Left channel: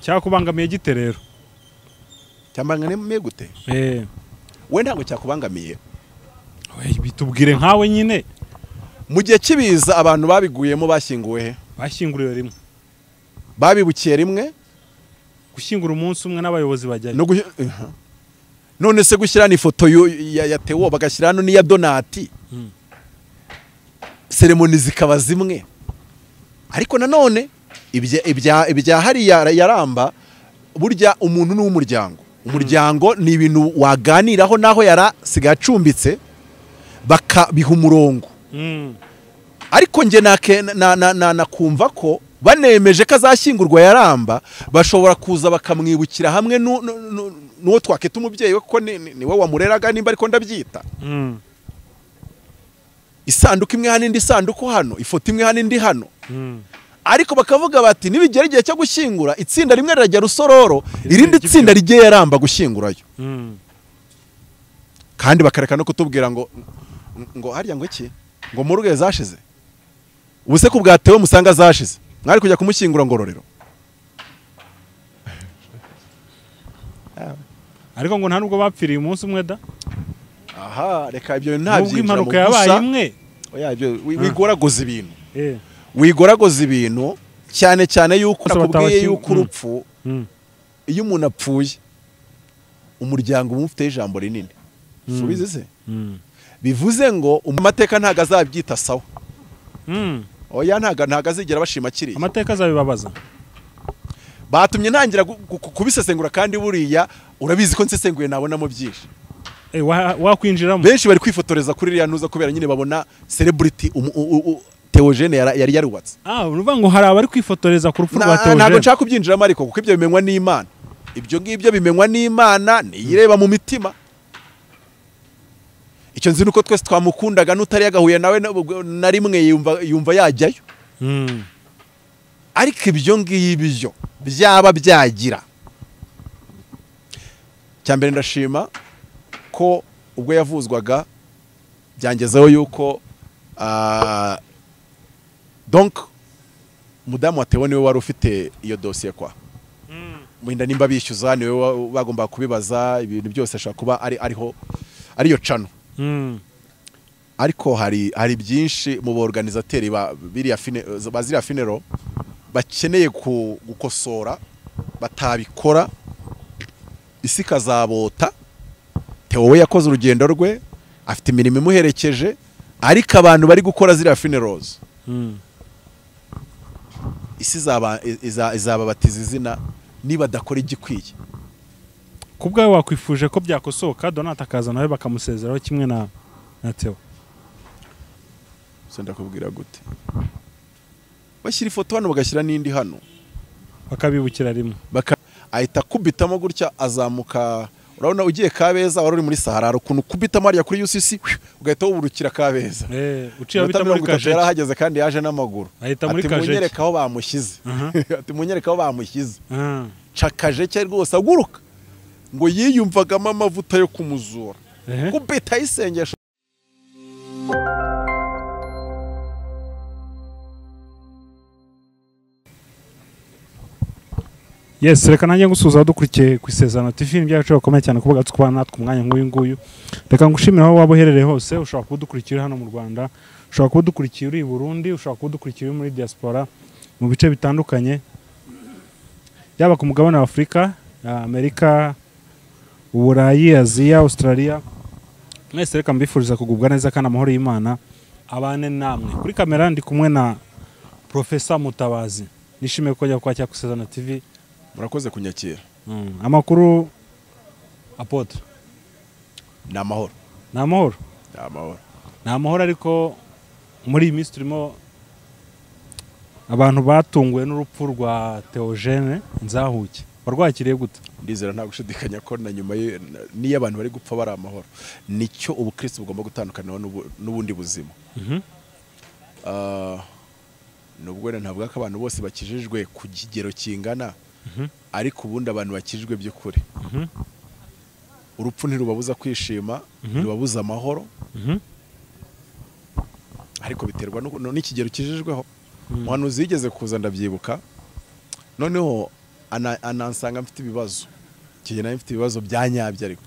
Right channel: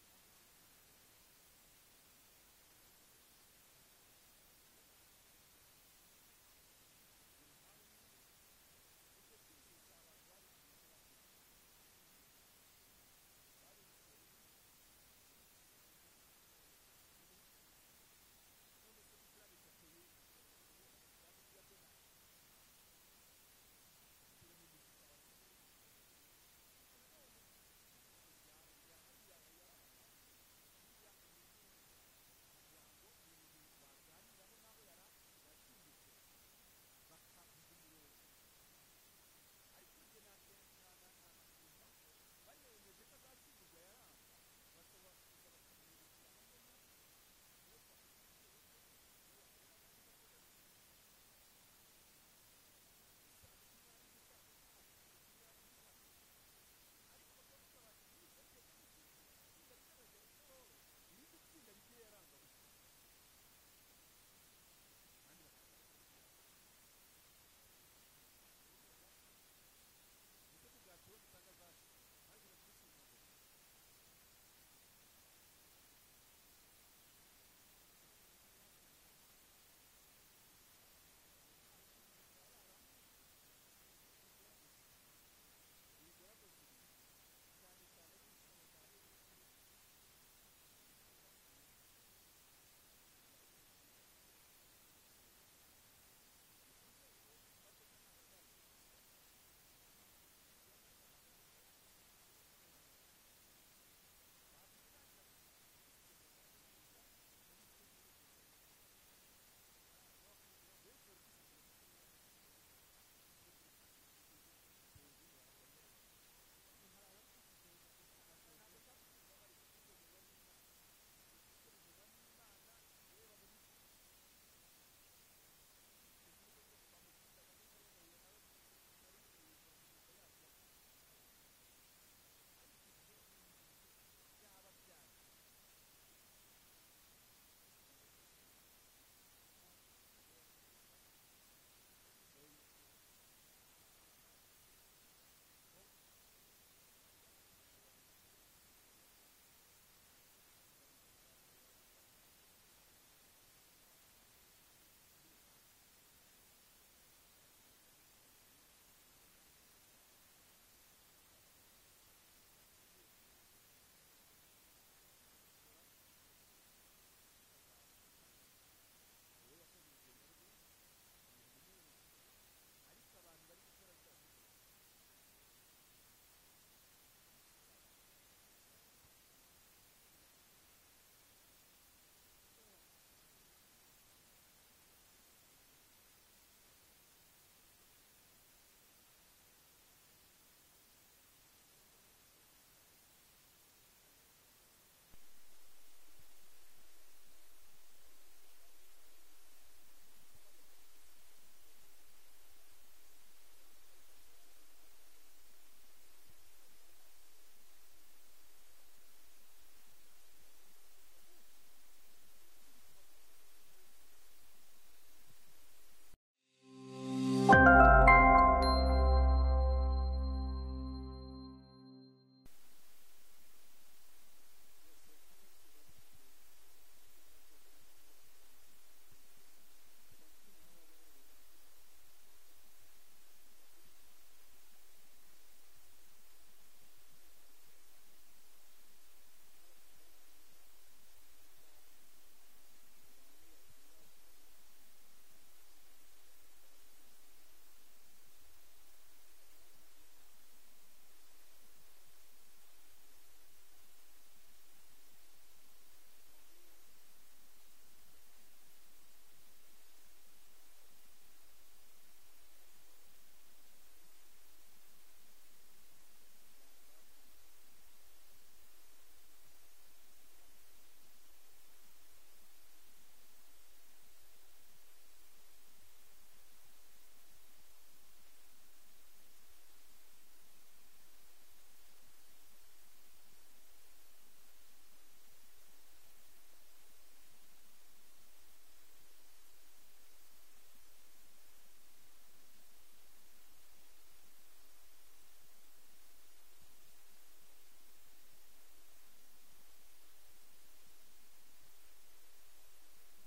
cyakubangamiye gite rero? Cyambangamiye gute? We ntabwo cyakubangamiye. Bitubwire nkawe nyine. Mu gihe kibiza abantu babiguyemo bashyinguwe he? Bashyinguriwe rimwe. Babibukiye rimwe? Gushyingura umunsi umwe n'abayobozi bajyayo. None se gushyira ni foto ya Theo bagashyira hano n'iya Donati. Ceremony zikaba zimwe. Ariko nanone ibya hari yaramba burya umuntu n'umuryango. Umuryango ni ibintu waganiraho naho yarasigaye acumbitse bakabiha umurongo. Ariko nge nakumva ko banemeje ko azashyingurwa yaramba bashobora kuza bakamwibukira hamwe n'uwo twakita umubyeyi we ko niwe wamureraga nimba ariko ndabyita. Isanduku imwe hano indi sanduku hano, ifoto imwe hano indi hano. Ariko bakavuga bati nibigera igihe cyo gushyingura itsinda rimwe rirajya Rusororo irindi tsinda rigiye yaramba gushyingurayo. Kandi bakareka no kutubwira ngo harya ngo iki ngo muruge zashize ubuse ko bwatewe musanga zashize mwari kujya kumushyingura Ngororero. Ariko ngo nta nubwo bapfiriye umunsi umwe da. Aha reka ibyo ntabyinjira impanuka yabaye imwe. Oya ibyo wigoragoza ibintu. Wigoragoza ibintu cyane yuko nakubwiye yuko urupfu iyo umuntu apfuye umuryango umufite ijambo rinini. Subize se? Bivuze ngo amateka ntago azabyita sawa. Oya ntago azigera bashima kiri. Amateka azabibabaza. Batumye ntangira kubisesengura kandi buriya urabizi ko nsesenguye nabonamo byinshi. Wakwinjiramo. Benshi bari kwifotoreza kuri iriya ntuza kubera nyine babona celebrity Theogene yari yarubatse. Uruvuga ngo hari abari kwifotoreza ku rupfu rwa Theogene. Ntago nshaka kubyinjiramo ariko kuko ibyo bimenywa n'Imana. Ibyo ngibyo bimenywa n'Imana niyireba mu mitima. Icyo nzi nuko twese twamukundaga n'utari yagahuye nawe na rimwe yumva yajyayo. Ariko ibyo ngibyo byaba byagira. Cyambere ndashima ko ubwo yavuzwaga byangezeho yuko donc mudamu wa Theo niwe wari ufite iyo dossier kwa. Muhinda nimba bishyuza niwe bagomba kubibaza ibintu byose ashaka kuba ariyo cano. Ariko hari byinshi mu organizateri bazira funeral bakeneye gukosora batabikora isi kazabota. Theo we yakoze urugendo rwe afite imirimo imuherekeje ariko abantu bari gukora zira funerals isi izababatiza izina niba dakora igikwiye. Kubwawe wakwifuje ko byakosoka Donata akaza nawe bakamusezeraho kimwe na Theo. So ndakubwira gute bashyira ifoto hano bagashyira n'indi hano bakabibukira rimwe ahita kubitamo gutya azamuka. Urabona ugiye Kabeza wari uri muri Sahara ukuntu kubitamo ariya kuri UCC ugahita wuburukira Kabeza. Uciye bita muri Kaje yarahageze kandi yaje n'amaguru. Ahita muri Kaje munyereka aho bamushyize. Ati munyereka aho bamushyize. Cakaje cye rwose aguruka ngo yiyumvagamo amavuta yo kumuzura. Kubita isengesho. Yes, reka nanjye ngusuza dukurikiye ku Isezerano TV byacu bakomeye cyane kuvuga tukubana natwe umwanya nk'uyu nguyu. Reka ngushimira aho waba uherereye hose, ushobora kudukurikira hano mu Rwanda, ushobora kudukurikira uri i Burundi, ushobora kudukurikira muri diaspora mu bice bitandukanye. Yaba ku mugabane wa Afrika, Amerika, Uburayi, Aziya, Australia. Mwese reka mbifuriza kugubwa neza kandi amahoro y'Imana abane namwe. Kuri kamera ndi kumwe na Professor Mutabazi. Nishimiye ko njya kwakira ku Isezerano TV. Murakoze kunyakira. Amakuru apotre. Ni amahoro. Ni amahoro. Ni amahoro. Ni amahoro ariko muri iyi minsi turimo abantu batunguwe n'urupfu rwa Theogene Nzahuke. Warwakiriye gute? Ndizera nta gushidikanya ko na nyuma niyo abantu bari gupfa bari amahoro. Nicyo ubukristo bugomba gutandukana n'ubundi buzima. Nubwo ntavuga ko abantu bose bakijijwe ku kigero kingana. Ariko ubundi abantu bakijijwe by'ukuri. Urupfu ntirubabuza kwishima, rubabuza amahoro. Ariko biterwa n'ikigero kijijweho. Umuhanuzi yigeze kuza ndabyibuka noneho anansanga mfite ibibazo kigena mfite ibibazo byanyabye ariko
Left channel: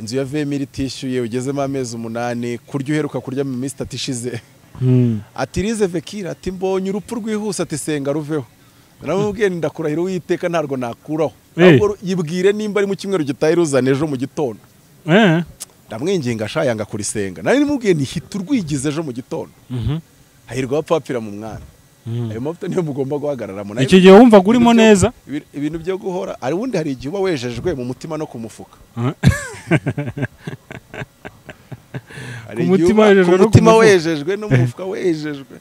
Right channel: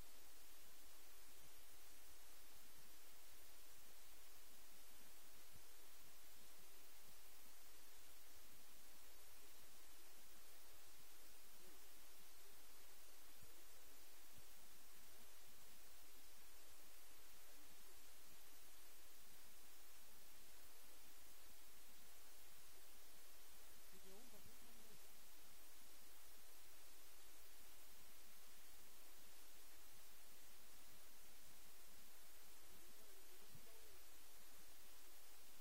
inzu ya vemiri itishyuye ugezemo amezi 8 kurya uheruka kurya mu minsi 3 ishize ati rize vekira ati mbonye urupfu rwihuse ati senga ruveho naramubwiye ndakurahira Uwiteka ntarwo nakuraho ahubwo yibwire nimba ari mu kimwero gitaye ruzana ejo mu gitondo ndamwinginga ashayanga kurisenga nari nimubwiye nihita urwigize ejo mu gitondo hahirwa abapfapira mu mwana ayo mavuta niyo mugomba guhagararamo icyo gihe wumva urimo neza ibintu byo guhora ari wundi hari igihe uba wejejwe mu mutima no ku mufuka umutima wejejwe no mu mufuka wejejwe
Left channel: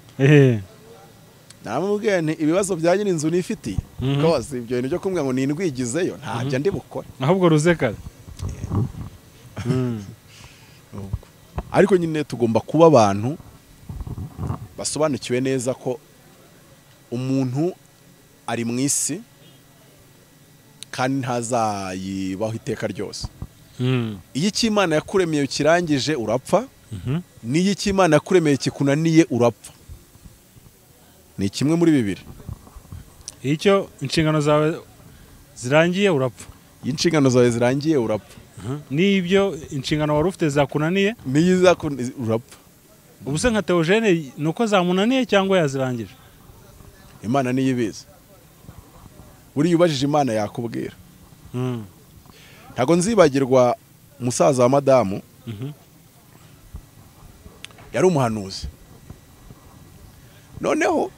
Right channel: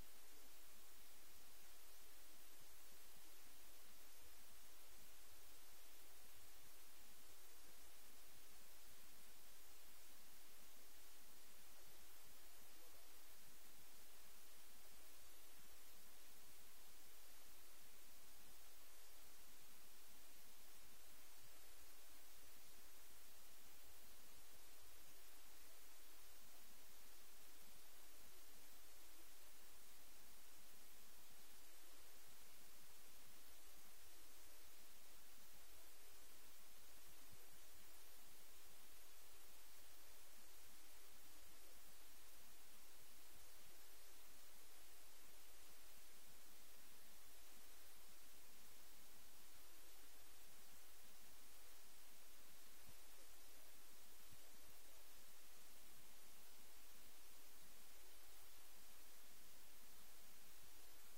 namubwiye nti ibibazo bya nyine inzu nifitiye rwose ibyo bintu byo kumbwira ngo nindwigizeyo ntabyo ndi bukore ahubwo ruzeka ariko nyine tugomba kuba abantu basobanukiwe neza ko umuntu ari mu isi kandi ntazayibaho iteka ryose iyo icy'Imana yakuremeye kirangije urapfa n'iyo icy'Imana yakuremeye kikunaniye urapfa ni kimwe muri bibiri icyo inshingano zawe zirangiye urapfa inshingano zawe zirangiye urapfa n'ibyo inshingano wari ufite zakunaniye niyo urapfa ubu se nka Theogene nuko zamunaniye cyangwa yazirangije Imana niyo ibizi buriya ubajije Imana yakubwira ntago nzibagirwa umusaza wa madamu yari umuhanuzi noneho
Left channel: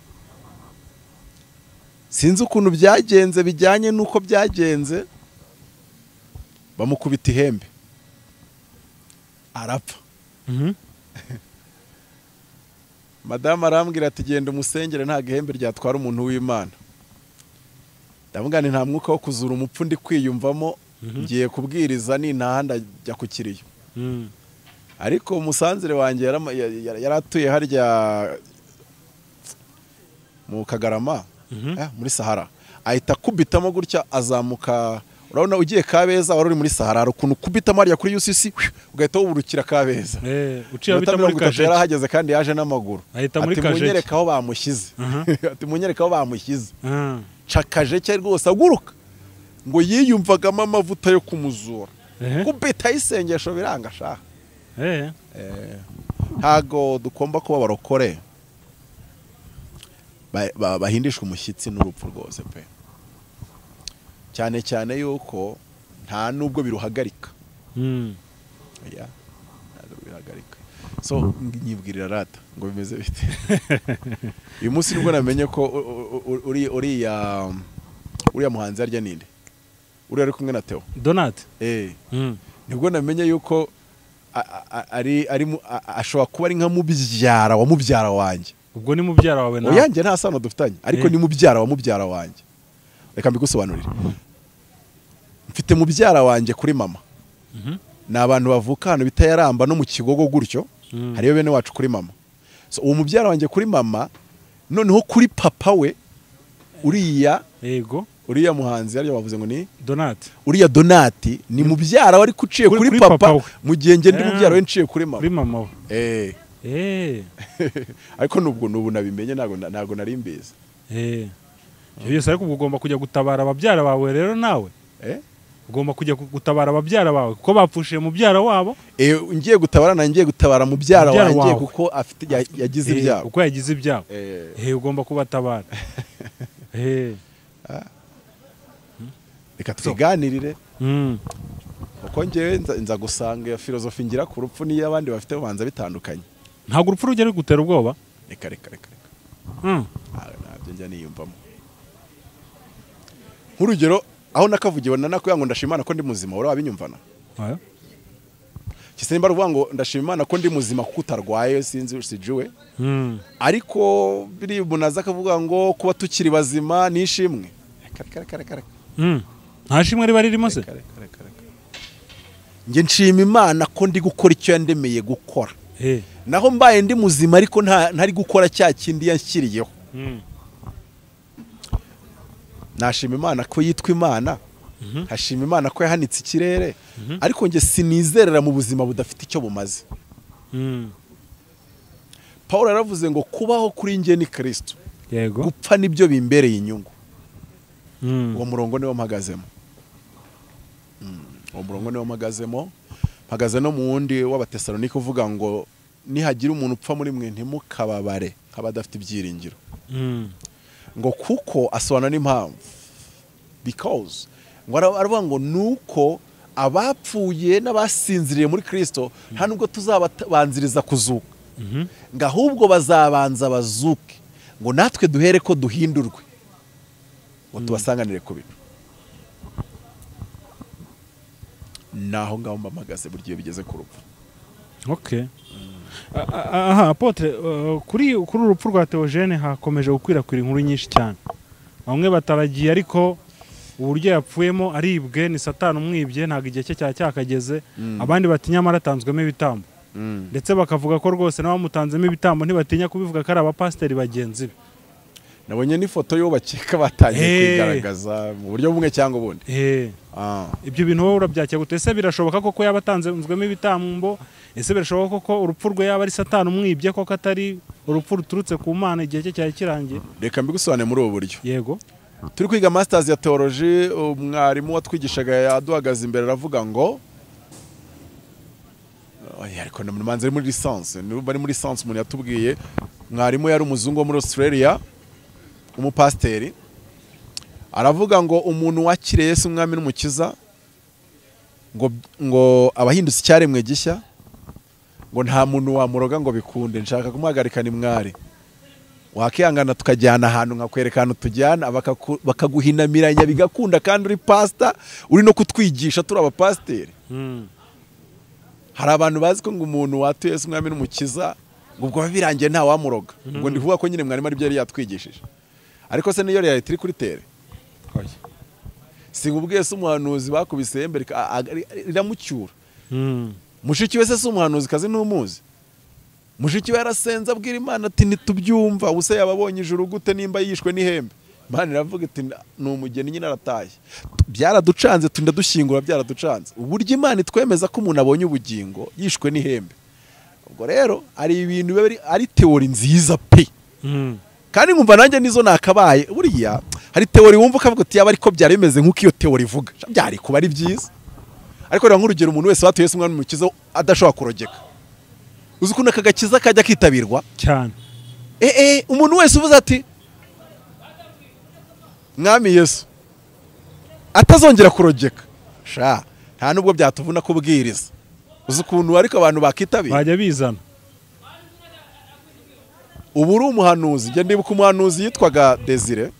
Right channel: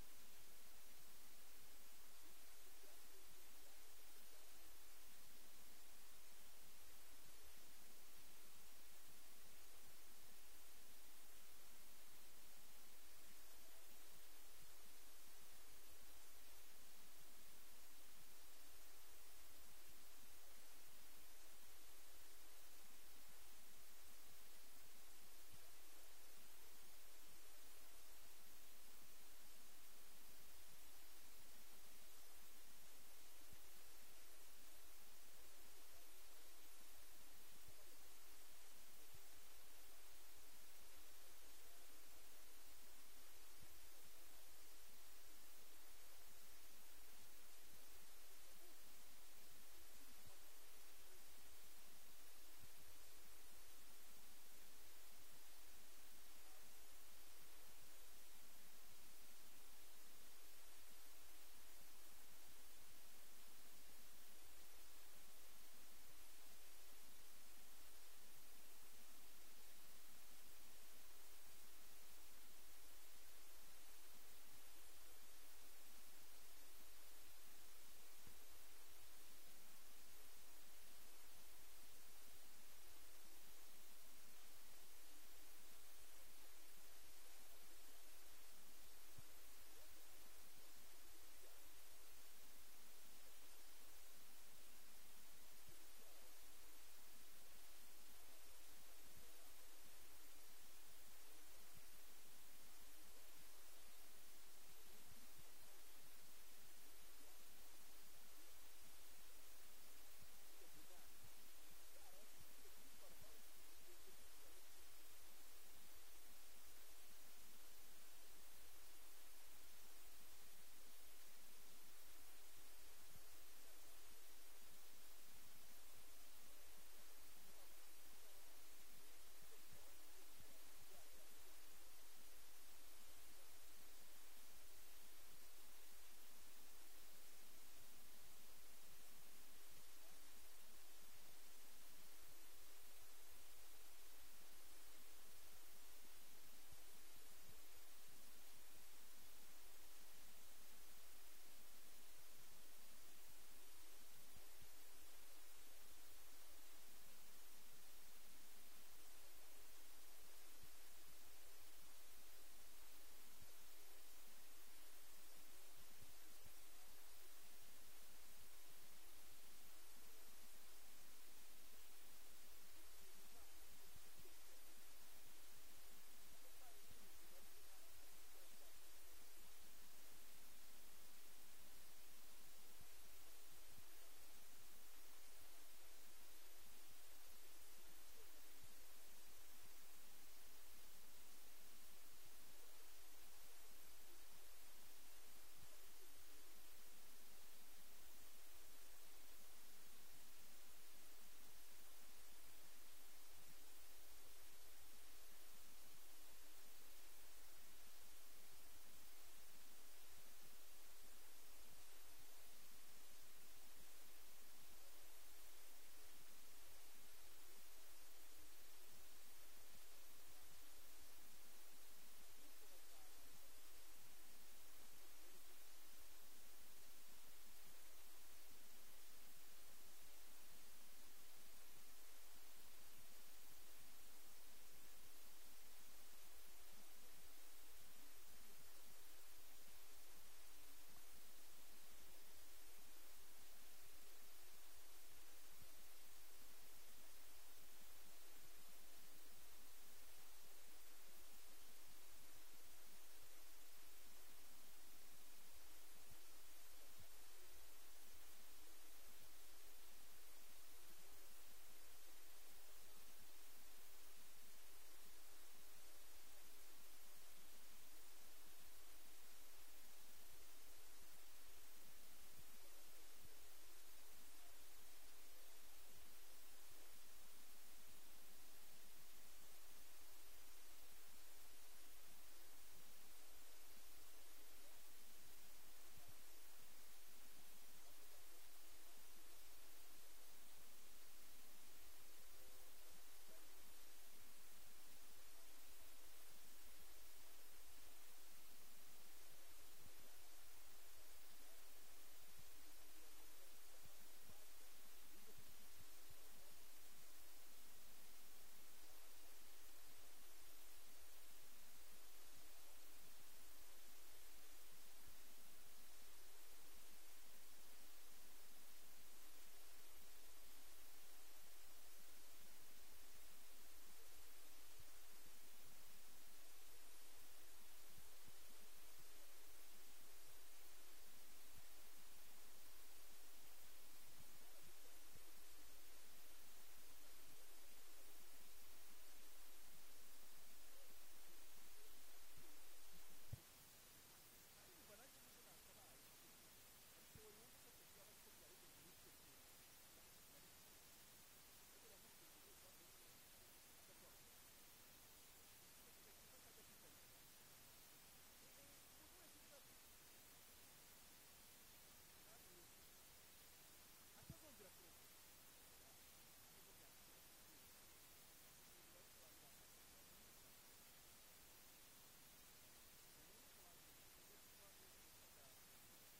sinzi ukuntu byagenze bijyanye nuko byagenze bamukubita ihembe arapfa madamu arambwira ati genda umusengere nta gihembe ryatwara umuntu w'Imana ndamubwira nti nta mwuka wo kuzura umupfu ndi kwiyumvamo ngiye kubwiriza nintaha ndajya ku kiriyo ariko umusanzire wanjye yaratuye harya mu Kagarama muri Sahara ahita kubitamo gutya azamuka urabona ugiye Kabeza wari uri muri Sahara ukuntu kubitamo harya kuri UCC ugahita wuburukira Kabeza uciye bita muri Kajeje yarahageze kandi yaje n'amaguru ahita muri Kajeje munyereka aho bamushyize ati munyereka aho bamushyize cakaje cye rwose aguruka ngo yiyumvagamo amavuta yo kumuzura kubita isengesho biranga shaha ntago dukomba kuba barokore bahindishwa umushyitsi n'urupfu rwose pe cyane cyane yuko nta nubwo biruhagarika biruhagarika so nyibwirira rata ngo bimeze bite uyu munsi nibwo namenye ko uriya muhanzi arya ninde uriya ari kumwe na Theo Donat nibwo namenye yuko ashobora kuba ari nka mubyara wa mubyara wanjye ubwo ni mubyara wawe nawe oyanjye nta sano dufitanye ariko ni mubyara wa mubyara wanjye reka mbigusobanurire mfite mubyara wanjye kuri mama ni abantu bavuka hano bita Yaramba no mu Kigogo gutyo hariyo bene wacu kuri mama so uwo mubyara wanjye kuri mama noneho kuri papa we uriya muhanzi yari bavuze ngo ni Donat uriya Donati ni mubyara wari kuciye kuri papa mu gihe nge ndi mubyara we nciye kuri mama ariko nubu nabimenye ntago nari mbizi byose ariko ugomba kujya gutabara ababyara bawe rero nawe ugomba kujya gutabara ababyara bawe kuko bapfushiye mubyara wabo ngiye gutabara nangiye gutabara mubyara wanjye kuko afite yagize ibyabo kuko yagize ibyabo ugomba kubatabara reka twiganirire uko ngewe nza gusanga iyo filozofi ngira ku rupfu niyo abandi bafite babanza bitandukanye ntabwo urupfu rugera rugutera ubwoba reka ntabyo njya niyumvamo nk'urugero aho nakavugiwe nakubwira ngo ndashima Imana ko ndi muzima uri wabinyumvana kise nimba ruvuga ngo ndashima Imana ko ndi muzima kuko utarwaye sinzi sijuwe ariko biri munaza akavuga ngo kuba tukiri bazima nishimwe nta shimwe riba ririmo se nge nshima Imana ko ndi gukora icyo yandemeye gukora naho mbaye ndi muzima ariko ntari gukora cya kindi yanshyiriyeho nashima Imana ko yitwa Imana hashima Imana ko yahanitse ikirere ariko nge sinizerera mu buzima budafite icyo bumaze Paul yaravuze ngo kubaho kuri nge ni Kristo gupfa nibyo bimbereye inyungu uwo murongo niwo mpagazemo. Uwo murongo niwo mpagazemo. Mpagaze no mu wundi w'Abatesalonike uvuga ngo nihagira umuntu upfa muri mwe ntimukababare nk'abadafite ibyiringiro. Ngo kuko asobanura n'impamvu, because ngo aravuga ngo nuko abapfuye n'abasinziriye muri Kristo nta nubwo tuzabanziriza kuzuka, ngo ahubwo bazabanza bazuke, ngo natwe duhere ko duhindurwe, ngo tubasanganire ku bintu. Naho ngaho mpamagaze buri gihe bigeze ku rupfu. Okay. Aha apotre, kuri urupfu rwa Theogene hakomeje gukwirakwira inkuru nyinshi cyane. Bamwe bataragiye ariko uburyo yapfuyemo aribwe ni Satani umwibye, ntago igihe cye cyakageze. Abandi batinya maratanzwemo ibitambo, ndetse bakavuga ko rwose n'abamutanzemo ibitambo ntibatinya kubivuga ko ari abapasiteri bagenzi be. Nabonye n'ifoto yo bakeka batangiye kwigaragaza mu buryo bumwe cyangwa ubundi. Ibyo bintu wowe urabyakira gute? Ese birashoboka koko yabatanzwemo ibitambo? Ese birashoboka koko urupfu rwe yaba ari Satani umwibye koko atari urupfu ruturutse ku Mana igihe cye cyari kirangiye? Reka mbigusobanure muri ubu buryo. Yego. Turi kwiga masters ya theology, umwarimu watwigishaga yaduhagaze imbere aravuga ngo ariko namanze muri licence, bari muri licence umuntu yatubwiye, mwarimu yari umuzungu wo muri Australia, umupasteri, aravuga ngo umuntu wakiriye Yesu umwami n'umukiza ngo abahindutse icyaremwe gishya, ngo nta muntu wamuroga ngo bikunde, nshaka kumuhagarika ni mwari, wakihangana tukajyana ahantu nkakwereka ahantu tujyana bakaguhinamiranya bigakunda, kandi uri pastor uri no kutwigisha turi abapasteri. Hari abantu bazi ko ngo umuntu watuye Yesu umwami n'umukiza ngo ubwo birangiye nta wamuroga, ngo ndivuga ko nyine mwarimu ari byo yari yatwigishije. Ariko se niyo yari turi kuri tere, singubwiye se umuhanuzi bakubise hembe riramucyura. Mushiki we se umuhanuzi kazi n'umuzi, mushiki we yarasenze abwira Imana ati ntitubyumva, ubuse yababonye ijuru gute nimba yishwe n'ihembe? Imana iravuga iti ni umugeni nyine arataye. Byaraducanze tunda dushyingura, byaraducanze. Uburyo Imana itwemeza ko umuntu abonye ubugingo yishwe n'ihembe. Ubwo rero ari ibintu ari teori nziza pe. Kandi nkumva nanjye nizo nakabaye. Buriya hari teori wumva ukavuga ati yaba ariko byari bimeze nk'uko iyo teori ivuga, byari kuba ari byiza. Ariko rero nk'urugero umuntu wese watuye Yesu umwami n'umukiza adashobora kurogeka, uzi ukuntu akagakiza kajya kitabirwa cyane. Umuntu wese uvuze ati mwami Yesu atazongera kurogeka, sha nta nubwo byatuvuna kubwiriza. Uzi ukuntu ariko abantu bakitabira bajya bizana. Ubu uri umuhanuzi, njye ndibuka umuhanuzi yitwaga Desire,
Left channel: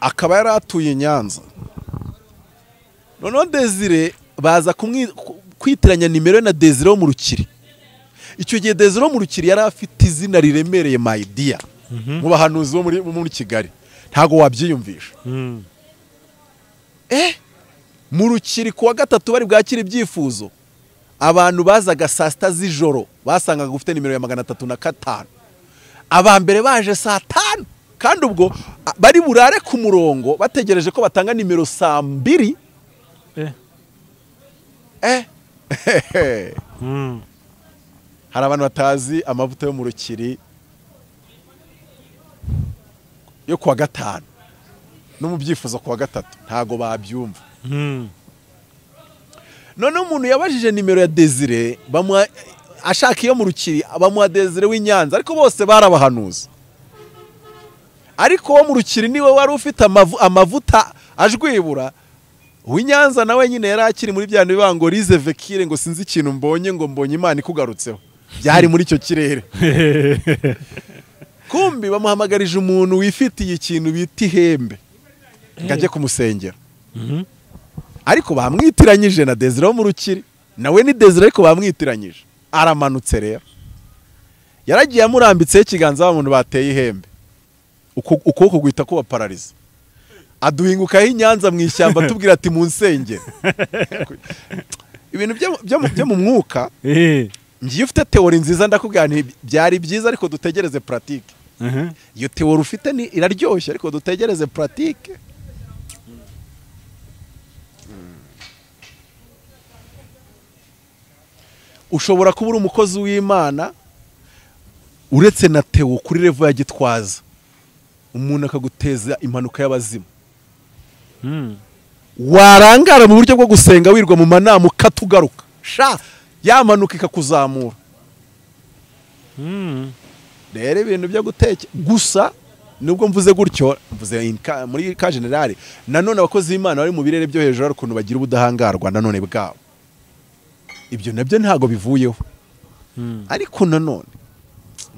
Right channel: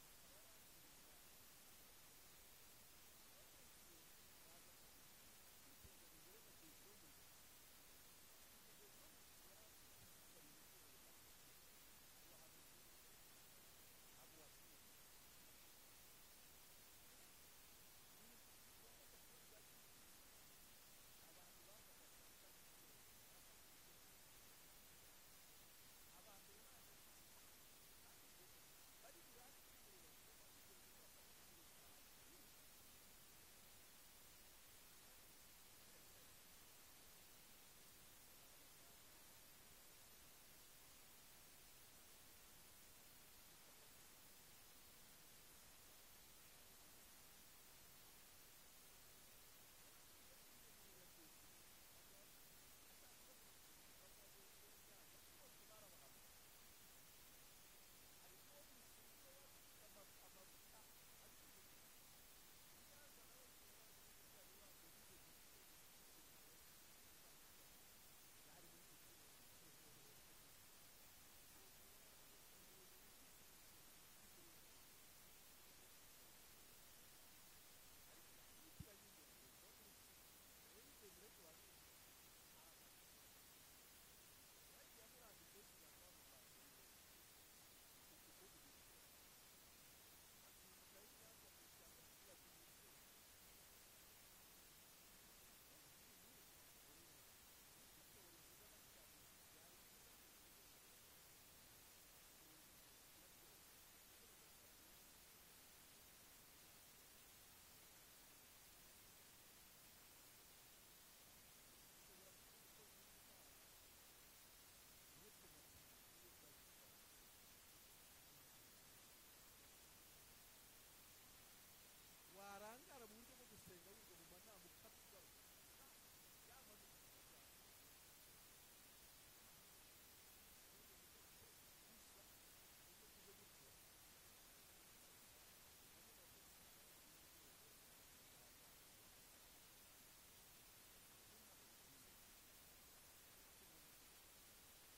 akaba yari atuye Nyanza. Noneho Desire baza kwitiranya nimero na Desire wo mu Rukiri. Icyo gihe Desire wo mu Rukiri yari afite izina riremereye my dear mu bahanuzi bo muri Kigali, ntago wabyiyumvisha. Mu Rukiri kuwa gatatu bari bwakira ibyifuzo, abantu bazaga saa sita z'ijoro basangaga ufite nimero ya 305. Abambere baje saa 5, kandi ubwo bari burare ku murongo bategereje ko batanga nimero saa 2. Hari abantu batazi amavuta yo mu Rukiri yo kuwa gatanu no mu byifuzo kuwa gatatu ntago babyumva. None umuntu yabajije nimero ya Desire ashaka iyo mu Rukiri, bamuha Desire w'Inyanza, ariko bose barabahanuza. Ariko wo mu Rukiri niwe wari ufite amavuta ajwibura. Uw'Inyanza nawe nyine yari akiri muri bya bibango rize vekire ngo sinzi ikintu mbonye, ngo mbonye Imana ikugarutseho. Byari muri icyo kirere. Kumbi bamuhamagarije umuntu wifitiye ikintu bita ihembe ngo ajye kumusengera. Ariko bamwitiranyije na Desire wo mu Rukiri, nawe ni Desire ariko bamwitiranyije. Aramanutse rero, yaragiye amurambitseho ikiganza w'abantu bateye ihembe, ukuboko guhita kuba parariza. Aduhingukaho Inyanza mu ishyamba tubwira ati mu nsengero. Ibintu byo mu mwuka, ngiye ufite teori nziza ndakubwira nti byari byiza, ariko dutegereze pratique. Iyo teori ufite ni iraryoshye, ariko dutegereze pratique. Ushobora kuba uri umukozi w'Imana uretse na teo kuri level ya Gitwaza, umuntu akaguteza impanuka y'abazimu. Warangara mu buryo bwo gusenga wirwa mu manama ukatugaruka sha yamanuka ikakuzamura. Rero ibintu byo guteke gusa nubwo mvuze gutyo mvuze muri ka generale nanone abakozi b'Imana bari mu birere byo hejuru ari ukuntu bagira ubudahangarwa nanone bwabo. Ibyo nabyo ntago bivuyeho. Ariko nanone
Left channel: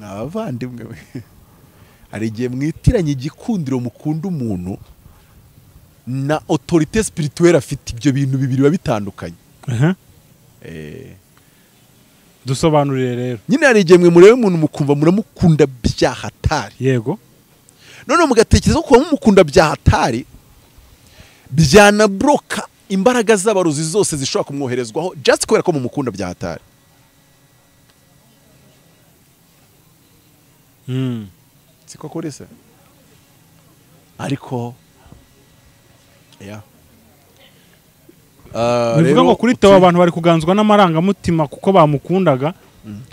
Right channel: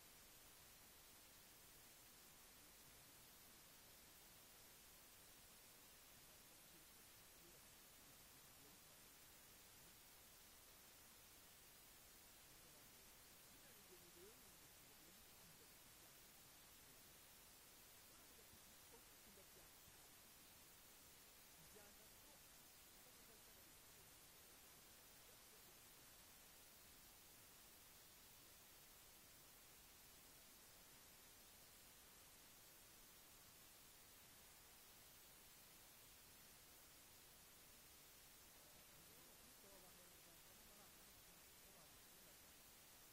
n'abavandimwe hari igihe mwitiranye igikundiro mukunda umuntu na autorité spirituelle afite, ibyo bintu bibiri biba bitandukanye. Dusobanurire rero. Nyine hari igihe mwe murebe umuntu mukumva muramukunda byahatari. Yego. None mugatekereza ko mumukunda byahatari byanabroka imbaraga z'abaruzi zose zishobora kumwoherezwaho just kubera ko mumukunda byahatari. Siko kuri se. Ariko bivuga ngo kuri Theo abantu bari kuganzwa n'amarangamutima kuko bamukundaga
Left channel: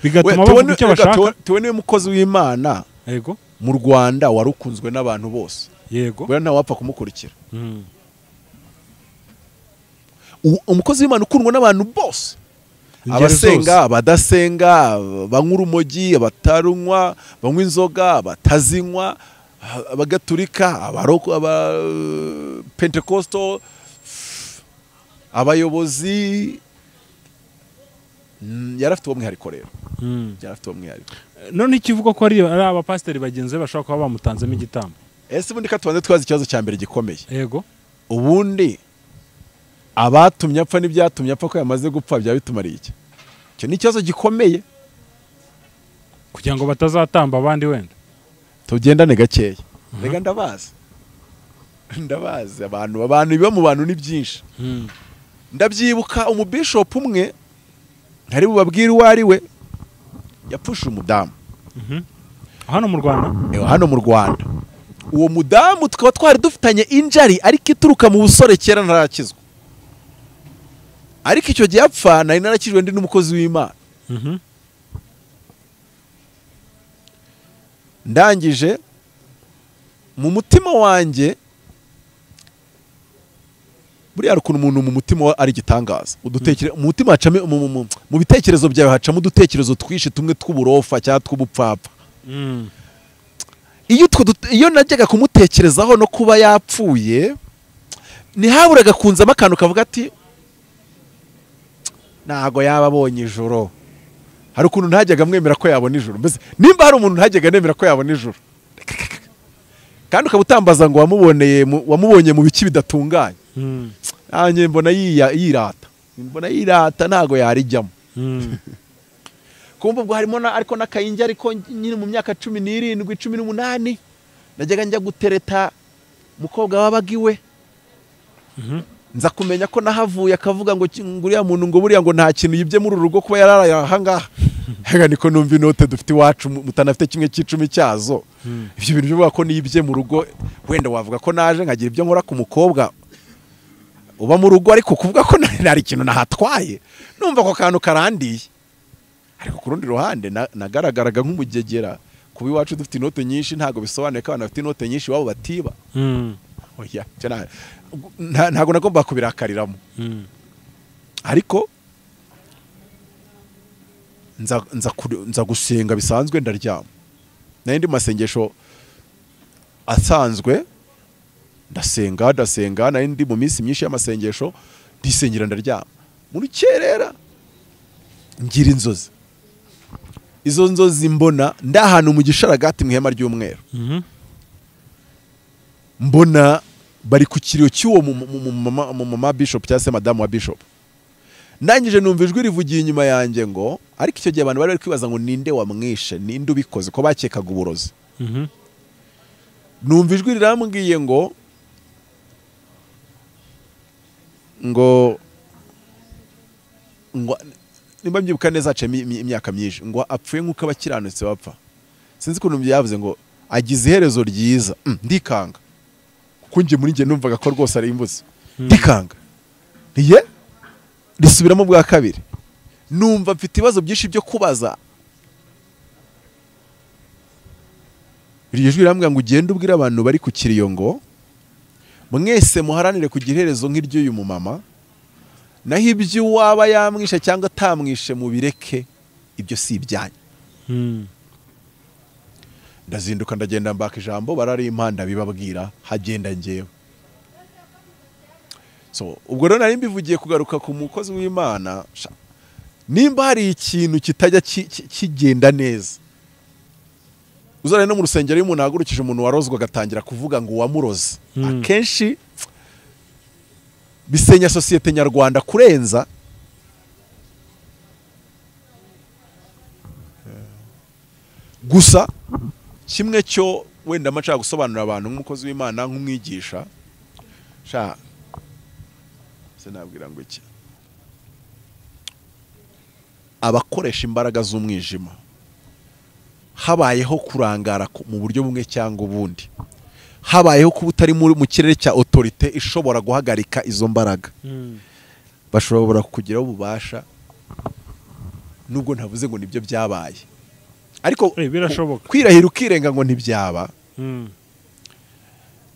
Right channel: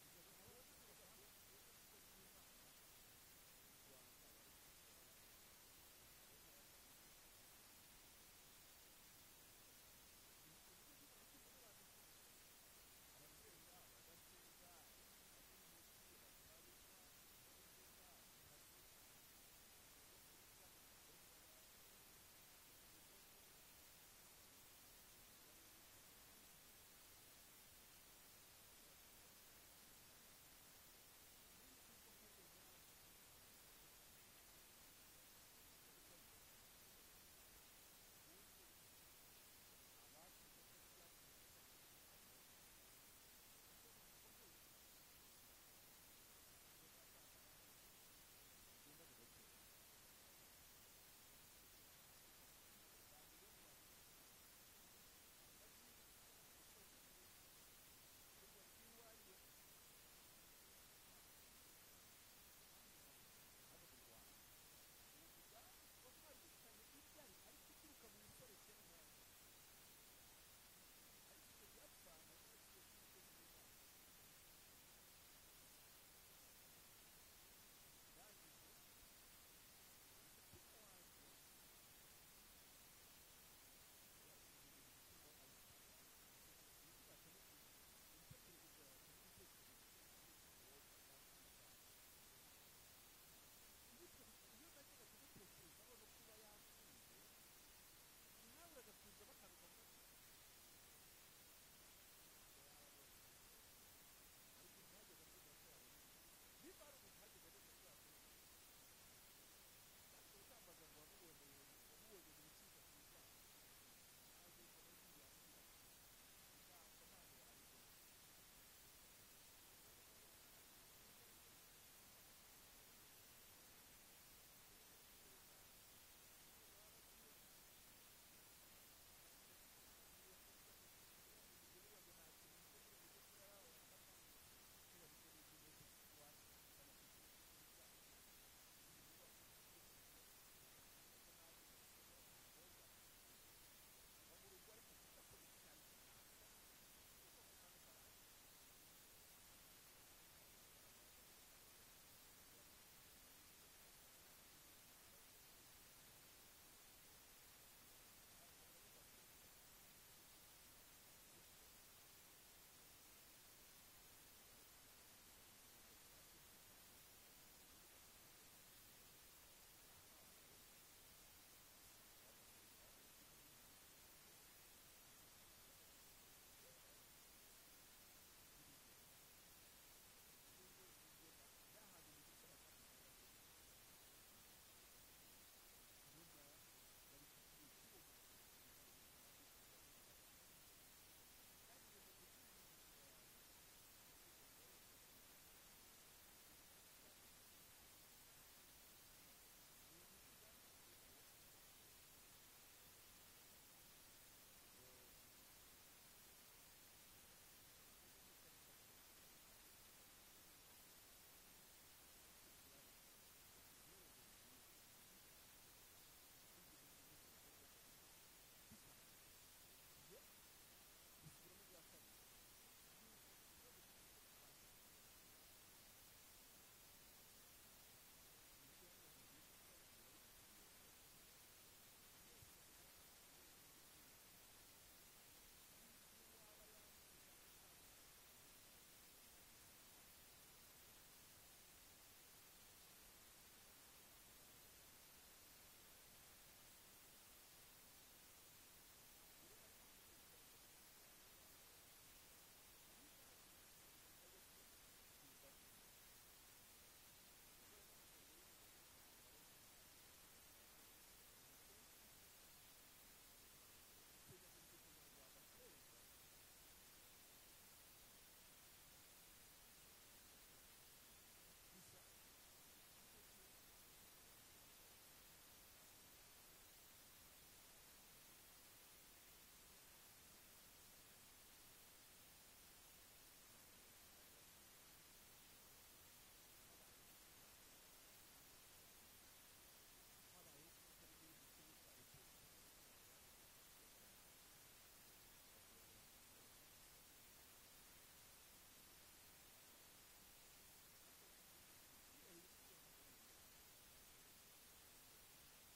bigatuma bavuga icyo bashaka. Theo niwe mukozi w'Imana. Yego. Mu Rwanda warukunzwe n'abantu bose. Yego. Bwana nta wapfa kumukurikira. Umukozi w'Imana ukundwa n'abantu bose. Abasenga, abadasenga, banywa urumogi, abatarunywa, banywa inzoga, abatazinywa, abagatulika, abaroko, Pentecostal, abayobozi. Yarafite uwo mwihariko rero. Yarafite uwo mwihariko. None ikivuga ko ari abapasiteri bagenzi bashobora kuba bamutanzemo igitambo. Ese ubundi katubanze twazi ikibazo cya mbere gikomeye. Yego. Ubundi abatumye apfa n'ibyatumye apfa ko yamaze gupfa bya bitumariye iki? Cyo ni ikibazo gikomeye kugira ngo batazatamba abandi wenda. Tugendane gakeya. Rega ndabazi abantu biba mu bantu ni byinshi. Ndabyibuka umubishop umwe ntari bubabwire uwo ari we yapfushe umudamu. Hano mu Rwanda? Hano mu Rwanda. Uwo mudamu tukaba twari dufitanye injari ariko ituruka mu busore kera ntarakizwa. Ariko icyo gihe apfa nari narakijwe ndi n'umukozi w'Imana. Ndangije mu mutima wanjye buriya ukuntu umuntu mu mutima ari gitangaza. Mu mutima hacamo mu bitekerezo byawe hacamo udutekerezo twishi tumwe tw'uburofa cyangwa tw'ubupfapfa. Iyo najyaga kumutekerezaho no kuba yapfuye ntihaburaga kunzamo akantu kavuga ati ntago yaba abonye ijoro. Hari ukuntu ntajyaga mwemera ko yabona ijoro. Mbese nimba hari umuntu ntajyaga nemera ko yabona ijoro kandi ukaba utambaza ngo wamubonye mu biki bidatunganye. Nanjye mbona yirata ntago yarijyamo. Kumva ubwo harimo ariko n'akayinjye ariko nyine mu myaka 17 18 najyaga njya gutereta mukobwa wabaga iwe. Nza kumenya ko nahavuye akavuga ngo nguriya muntu ngo buriya ngo nta kintu yibye muri urugo kuba yararaye ahangaha. Hega niko numva inote dufite iwacu mutanafite kimwe cy'icumi cyazo. Ibyo bintu bivuga ko nibye mu rugo wenda wavuga ko naje nkagira ibyo nkora ku mukobwa uba mu rugo ariko kuvuga ko nari ikintu nahatwaye numva ko kantu karandiye. Ariko ku rundi ruhande nagaragaraga nk'umugegera kuba iwacu dufite inote nyinshi ntago bisobanuye ko abantu bafite inote nyinshi wabo batiba. Oya ntago nagomba kubirakariramo. Ariko nza gusenga bisanzwe ndaryama. N'indi masengesho asanzwe ndasenga n'indi mu minsi myinshi y'amasengesho ndisengera ndaryama. Mu rukerera ngira inzozi. Izo nzozi mbona ndahantu mu gisharagati mu ihema ry'umweru. Mbona bari ku kiriyo cy'uwo mama bishop cyangwa se madamu wa bishop. Ndangije numva ijwi rivugiye inyuma yanjye ngo ariko icyo gihe abantu bari kwibaza ngo ninde wamwishe ninde ubikoze ko bakekaga uburozi. Numva ijwi rirambwiye ngo nimba mbyibuka neza ace imyaka myinshi ngo apfuye nk'uko abakiranutse bapfa. Sinzi ukuntu byavuze ngo agize iherezo ryiza. Ndikanga kuko njye muri njye numvaga ko rwose ari imbuzi. Ndikanga risubiramo bwa kabiri. Numva mfite ibibazo byinshi byo kubaza. iryo jwi rirambwira ngo ugende ubwire abantu bari ku kiriyo ngo mwese muharanire kugira iherezo nk'iry'uyu mumama, naho ibyo waba yamwishe cyangwa atamwishe mubireke, ibyo si ibyanyu. Ndazinduka ndagenda mbaka ijambo, barari impanda bibabwira, hagenda ngewe. So ubwo rero nari mbivugiye kugaruka ku mukozi w'Imana, nimba hari ikintu kitajya kigenda neza, uzare no mu rusengero y'umuntu ahagurukije umuntu warozwe agatangira kuvuga ngo wamuroze, akenshi bisenya sosiyete nyarwanda kurenza. Gusa kimwe cyo wenda amaca gusobanurira abantu nk'umukozi w'Imana, nk'umwigisha, sinabwira ngo iki, abakoresha imbaraga z'umwijima habayeho kurangara mu buryo bumwe cyangwa ubundi, habayeho kuba utari mu kirere cya autorite ishobora guhagarika izo mbaraga, bashobora kukugiraho ububasha, nubwo ntavuze ngo nibyo byabaye, ariko kwirahira ukirenga ngo ntibyaba.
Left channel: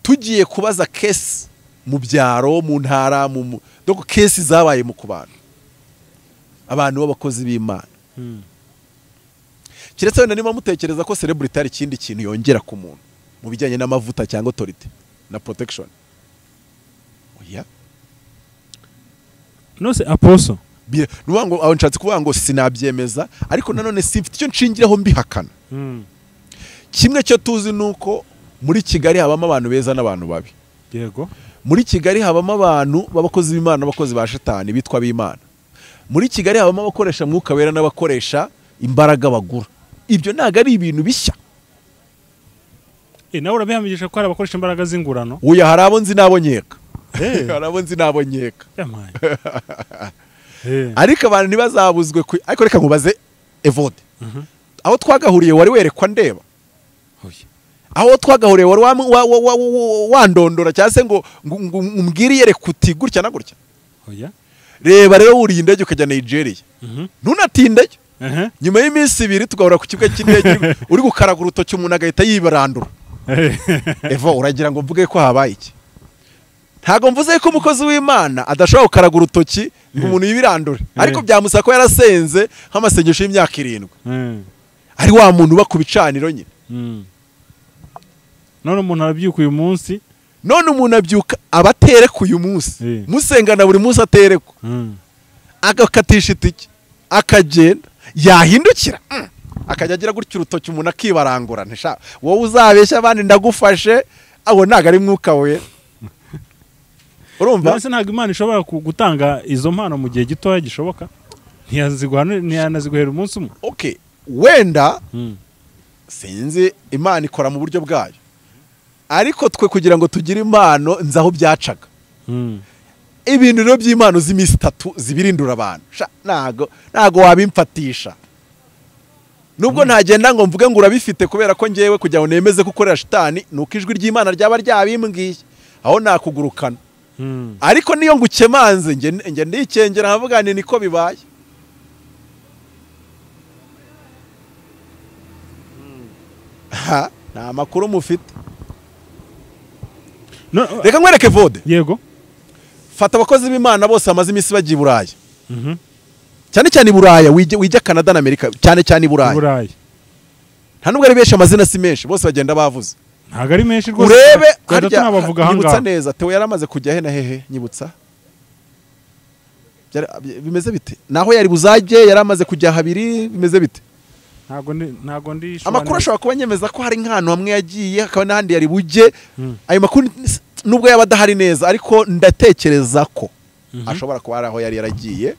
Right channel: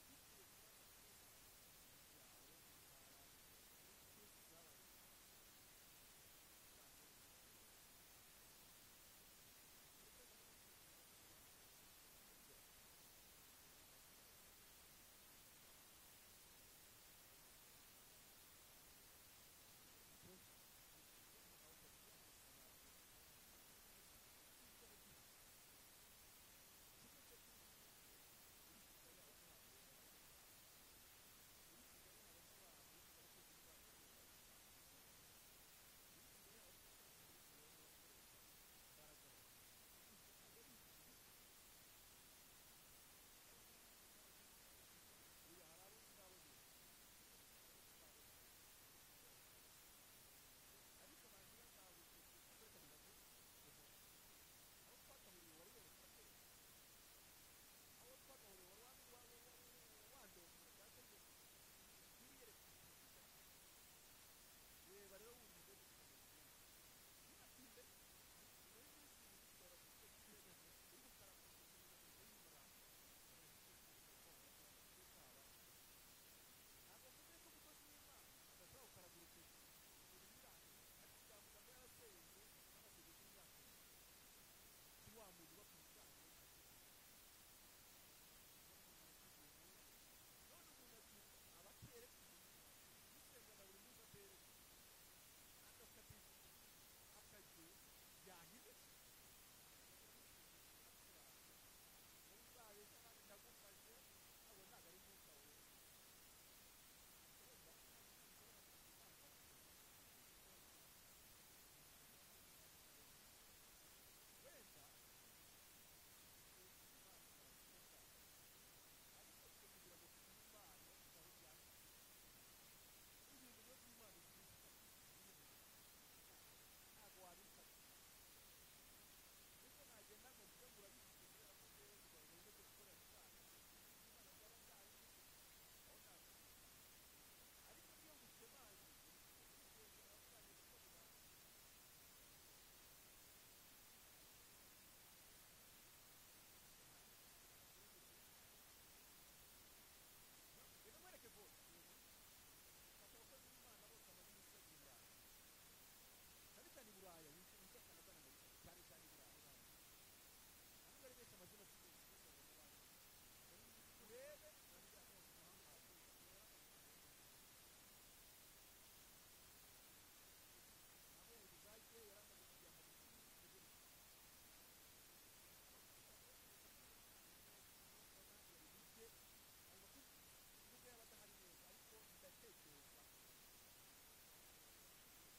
Tugiye kubaza kesi mu byaro, mu ntara, doko kesi zabaye mu kubana abantu b'abakozi b'Imana, kiretse wenda niba mutekereza ko celebrity ari ikindi kintu yongera ku muntu mu bijyanye n'amavuta cyangwa authority na protection. Oya, no se apostle nubango aho nshatse kuvuga ngo sinabyemeza, ariko nanone sifite icyo nshingiraho mbihakana. Kimwe cyo tuzi nuko muri Kigali habamo abantu beza n'abantu babi. Yego, muri Kigali habamo abantu b'abakozi b'Imana n'abakozi ba Shetani bitwa b'Imana. Muri Kigali habamo abakoresha mwuka wera n'abakoresha imbaraga bagura. Ibyo ntago ari ibintu bishya. Nawe urabihamisha ko hari abakoresha imbaraga z'ingurano. Uya hari abo nzi nabo nkeka. Hari abo nzi nabo nkeka. Ariko abantu ntibazabuzwe, ariko reka nkubaze Evode, aho twagahuriye wari werekwa ndeba? Aho twagahuriye wari wandondora cyangwa se ngo umbwire yereka uti gutya na gutya? Reba rero wuriye indege ukajya Nigeria, ntunatindeyo, nyuma y'iminsi 2 tugahura ku kibuga cy'indege uri gukaraga urutoki umuntu agahita yibarandura. Evo, uragira ngo mvuge ko habaye iki? Ntago mvuze ko umukozi w'Imana adashobora gukaraga urutoki ngo umuntu yibirandure, ariko byamusaba ko yarasenze nk'amasengesho y'imyaka 7. Ari wa muntu uba ku bicaniro nyine. None umuntu arabyuka uyu munsi, none umuntu abyuka abatereka uyu munsi, musengana buri munsi aterekwa, agakatisha itike, akagenda, yahindukira akajya agira gutya urutoki umuntu akibarangura. Ntisha wowe uzabeshya abandi ndagufashe, abo ntago ari mwuka we. Urumva nase ntago Imana ishobora gutanga izo mpano mu gihe gitoya gishoboka, ntiyanaziguhera umunsi umwe. Okay, wenda sinzi Imana ikora mu buryo bwayo, ariko twe kugira ngo tugire impano nzaho byacaga. Ibintu rero by'impano z'imisi 3 zibirindura abantu, ntago wabimfatisha. Nubwo ntagenda ngo mvuge ngo urabifite kubera ko ngewe kujya ngo nemeze gukorera Shetani, nuko ijwi ry'Imana ryaba ryabimbwiye, aho nakugurukana. Ariko niyo ngukemanze nge ndikengera nkavuga ni niko bibaye. Nta makuru mufite. Reka nkwereke Vode. Yego, fata abakozi b'Imana bose amaze imisi bagiye Buraya, cyane cyane i Buraya, wijya Canada na Amerika, cyane cyane i Buraya. Nta nubwo ari benshi, amazina si menshi, bose bagenda bavuze. Ntago ari menshi rwose. Urebe harya nyibutsa neza, Theo yaramaze kujya he na hehe, nyibutsa bimeze bite? Naho yari buzajye yaramaze kujya 2, bimeze bite? Ntago ndi amakuru ashobora kuba nyemeza ko hari nk'ahantu hamwe yagiye, akaba n'ahandi yari bujye. Ayo makuru nubwo yaba adahari neza, ariko ndatekereza ko ashobora kuba ari aho yari yaragiye.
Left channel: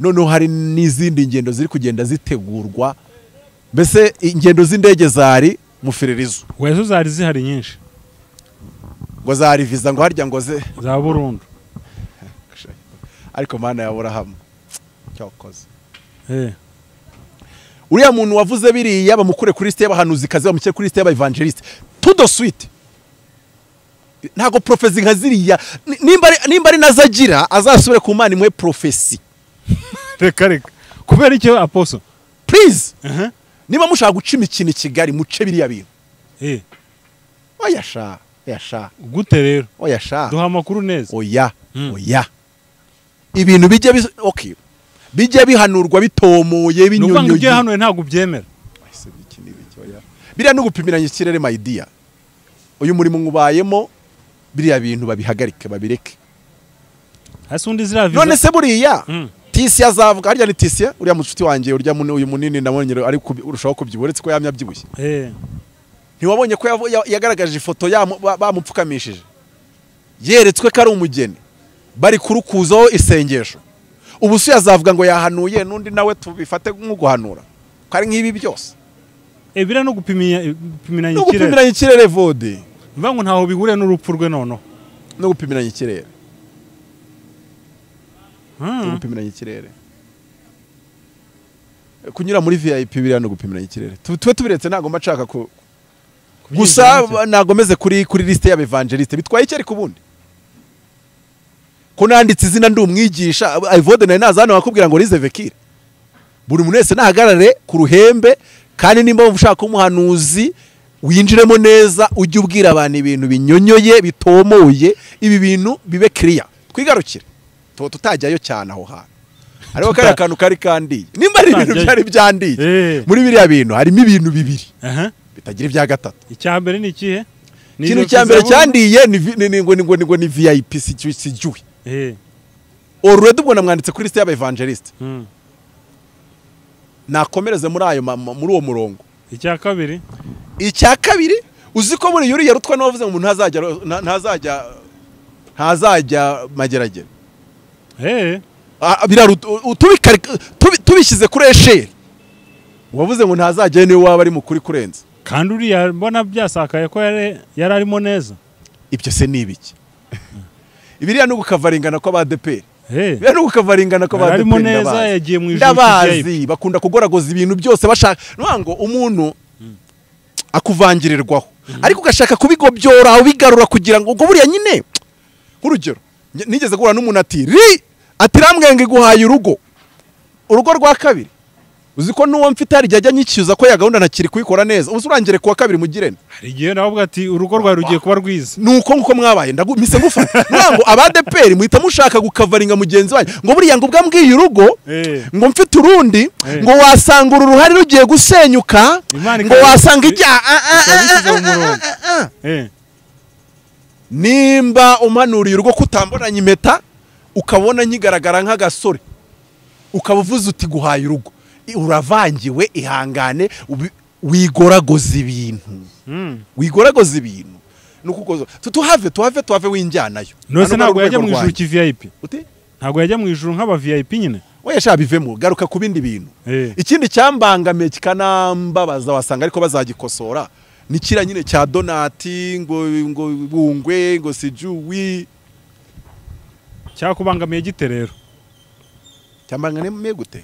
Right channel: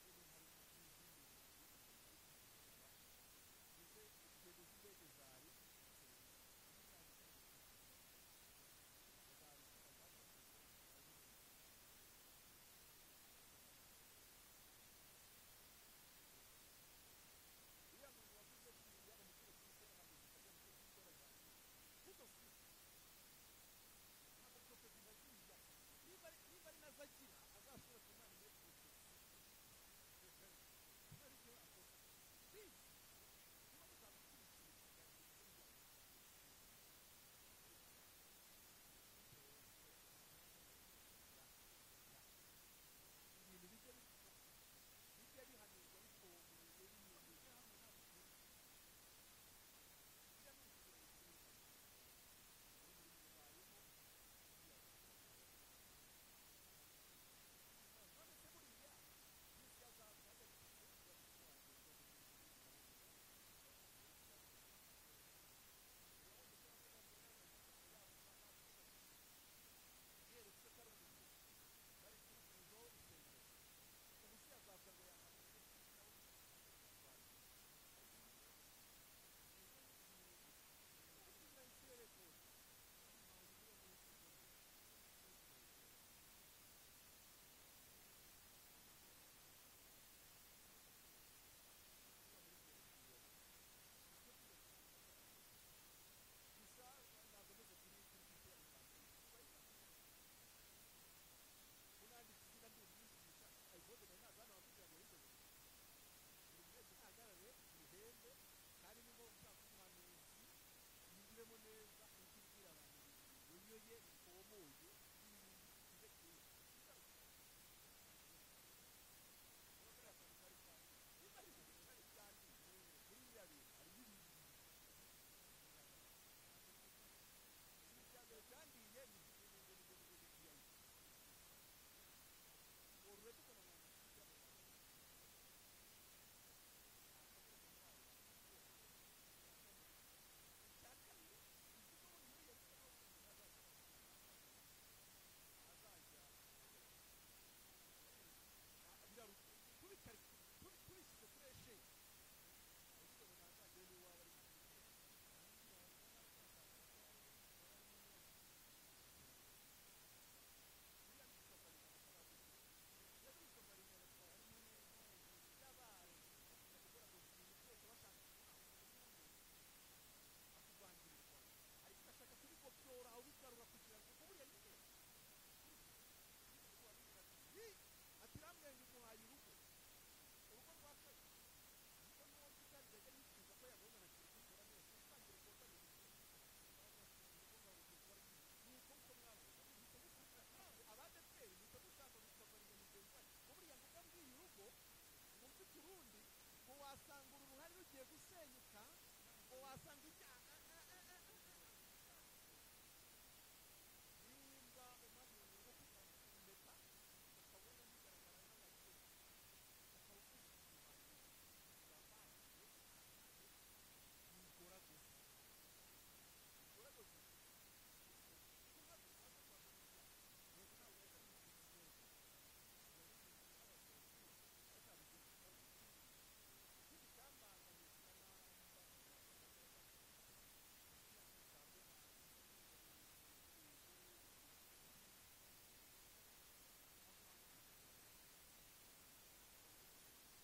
Noneho hari n'izindi ngendo ziri kugenda zitegurwa, mbese ingendo z'indege zari mu Firirizo. Wezo zari zihari nyinshi, ngo zari visa ngo harya ngo za Burundu. Ariko Mana yabura hamwe cyakoze. Uriya muntu wavuze biriya bamukure kuri liste y'abahanuzi kazi, bamukire kuri liste y'abaevangeliste tout de suite. Ntago profesi nka ziriya, nimba ari nazagira azasubire ku Mana imwe profesi. Reka kubera icyo Apostle, please, niba mushaka guca imikino i Kigali muce biriya bintu. oya sha yasha gute rero oya sha duha amakuru neza oya oya ibintu bijye okay bijye bihanurwa bitomoye binyonyoye n'ubwo ibyo hano ntabwo byemera biriya no gupimiranya ikirere my dear uyu murimo ngubayemo biriya bintu babihagarike babireke hasi undi ziraviza none se buriya tisi azavuga harya ni tisi uriya mucuti wanjye urya uyu munini ndabonye ari urushaho kubyiboretse ko yamya byibushye ntiwabonye ko yagaragaje ifoto bamupfukamishije yeretswe ko ari umugeni bari kurukuzaho isengesho ubu se yazavuga ngo yahanuye n'undi nawe tubifate nk'uguhanura ko ari nk'ibi byose biriya no gupimiranya ikirere vode mvuga ngo ntaho bihuriye n'urupfu rwe noneho no gupimiranya ikirere kunyura muri VIP biriya no gupimiranya ikirere tube tubiretse ntago mbashaka ko gusa nagomeze kuri liste y'abevangeliste bitwaye iki ariko ubundi ko nanditse izina ndi umwigisha Ivode nayo nazana bakubwira ngo rize vekire buri muntu wese nahagarare ku ruhembe kandi nimba ushaka umuhanuzi winjiremo neza ujye ubwira abantu ibintu binyonyoye bitomoye ibi bintu bibe clear twigarukire tutajyayo cyane aho hantu ariko kari akantu kari kandi nimba ari ibintu byari byandiye muri biriya bintu harimo ibintu bibiri bitagira ibya gatatu icyambere ni ikihe ikintu cyambere cyandiye ni VIP sijuwe already ubwo namwanditse kuri liste y'abevangeliste nakomereze muri ayo muri uwo murongo icya kabiri uzi ko buri yuri yarutwa n'abavuze ngo ntazajya mageragere tubishyize kuri esheri wavuze ngo ntazajya niwe waba ari mukuri kurenza kandi uriya mbona byasakaye ko yari arimo neza ibyo se ni ibiki ibiriya no gukavaringana kw'abadeperi biriya no gukavaringana kw'abadeperi ndabazi bakunda kugoragoza ibintu byose bashaka ngo umuntu akuvangirirwaho ariko ugashaka kubigobyora ubigarura kugira ngo ubwo buriya nyine nk'urugero nigeze guhura n'umuntu ati rambwenge guhaye urugo rwa kabiri uzi ko n'uwo mfite hari ajya nyicyuza ko ya gahunda ntakiri kuyikora neza ubu urangire kuwa kabiri mugirene hari igihe navuga ati urugo rwawe rugiye kuba rwiza nuko nguko mwabaye ndagumise ngufata ngo abadeperi muhita mushaka gukavaringa mugenzi wanyu ngo buriya ngo ubwambwiye urugo ngo mfite urundi ngo wasanga uru ruhari rugiye gusenyuka ngo wasanga nimba umanuriye urugo kutamboranye impeta ukabona nkigaragara nk'agasore ukaba uvuze uti guhaye urugo uravangiwe ihangane wigoragoza ibintu nuko tuhave winjyanayo nose ntabwo yajya mu ijuru ki VIP ntabwo yajya mu ijuru nk'aba VIP nyine oya sha bivemo garuka ku bindi bintu ikindi cyambangamiye kikanambabaza wasanga ariko bazagikosora ni kira nyine cya donati ngo bungwe ngo sijuwi cyakubangamiye gite rero cyambangamiye gute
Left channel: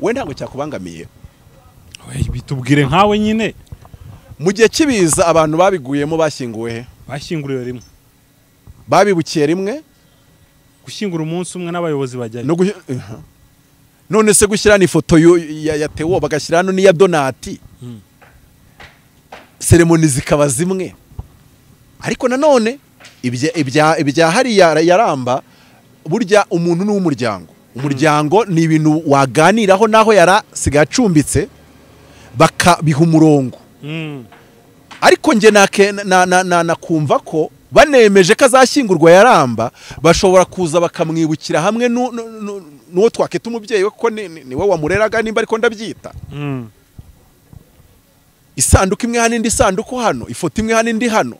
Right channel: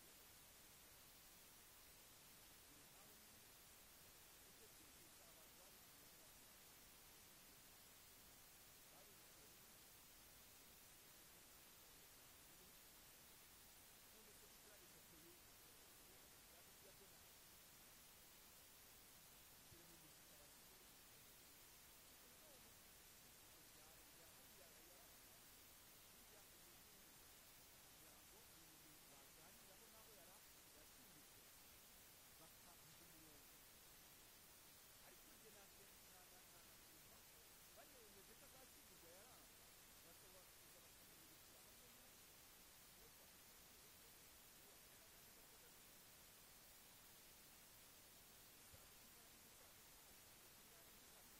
we ntabwo cyakubangamiye bitubwire nkawe nyine mu gihe kibiza abantu babiguyemo bashyinguwe he bashyinguriwe rimwe babibukiye rimwe gushyingura umunsi umwe n'abayobozi bajyayo none se gushyira ifoto ya Theo bagashyira hano n'iya donati seremoni zikaba zimwe ariko nanone ibya hariya yaramba burya umuntu n'umuryango umuryango ni ibintu waganiraho naho yarasigaye acumbitse bakabiha umurongo ariko nge nakumva ko banemeje ko azashyingurwa yaramba bashobora kuza bakamwibukira hamwe n'uwo twakita umubyeyi we kuko niwe wamureraga nimba ariko ndabyita isanduku imwe hano indi sanduku hano ifoto imwe hano indi hano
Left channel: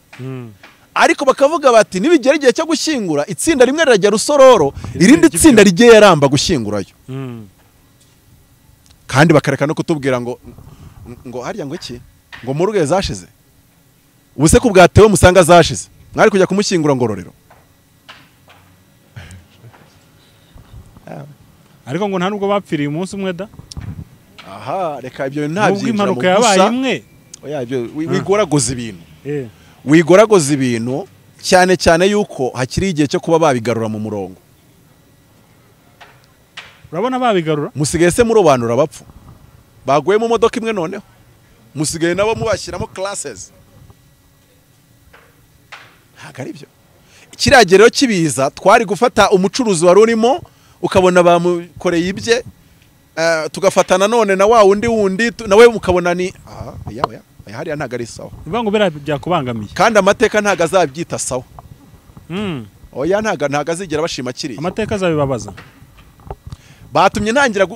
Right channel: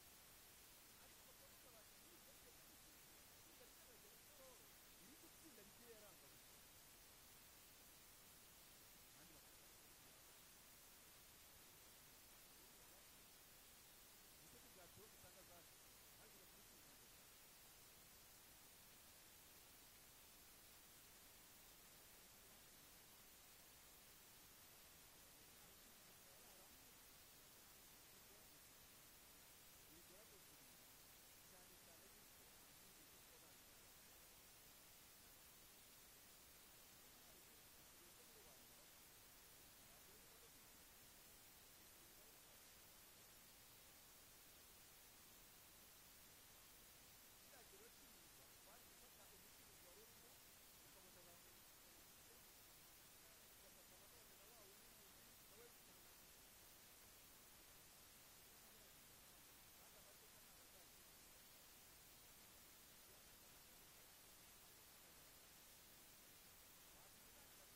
ariko bakavuga bati nibigera igihe cyo gushyingura itsinda rimwe rirajya Rusororo irindi tsinda rigiye yaramba gushyingurayo kandi bakareka no kutubwira ngo harya ngo iki ngo mu rugo zashize ubuse ko bwatewe musanga zashize mwari kujya kumushyingura Ngororero ariko ngo nta nubwo bapfiriye umunsi umwe da aha reka ibyo ntabyinjira mu impanuka yabaye imwe oya ibyo wigoragoza ibintu cyane cyane yuko hakiri igihe cyo kuba babigarura mu murongo urabona babigarura musigaye se murobanura abapfu baguye mu modoka imwe noneho musigaye nabo mubashyiramo classes. Ntabwo ari byo. Ikiragero rero kibiza twari gufata umucuruzi wari urimo ukabona bamukoreye ibye, tugafatana none na wa wundi nawe mukabona ni hariya ntabwo ari sawa. Bivuga ngo bera byakubangamiye. Kandi amateka ntabwo azabyita sawa. Oya ntabwo azigera bashima kiriya. Amateka azabibabaza. Batumye ntangira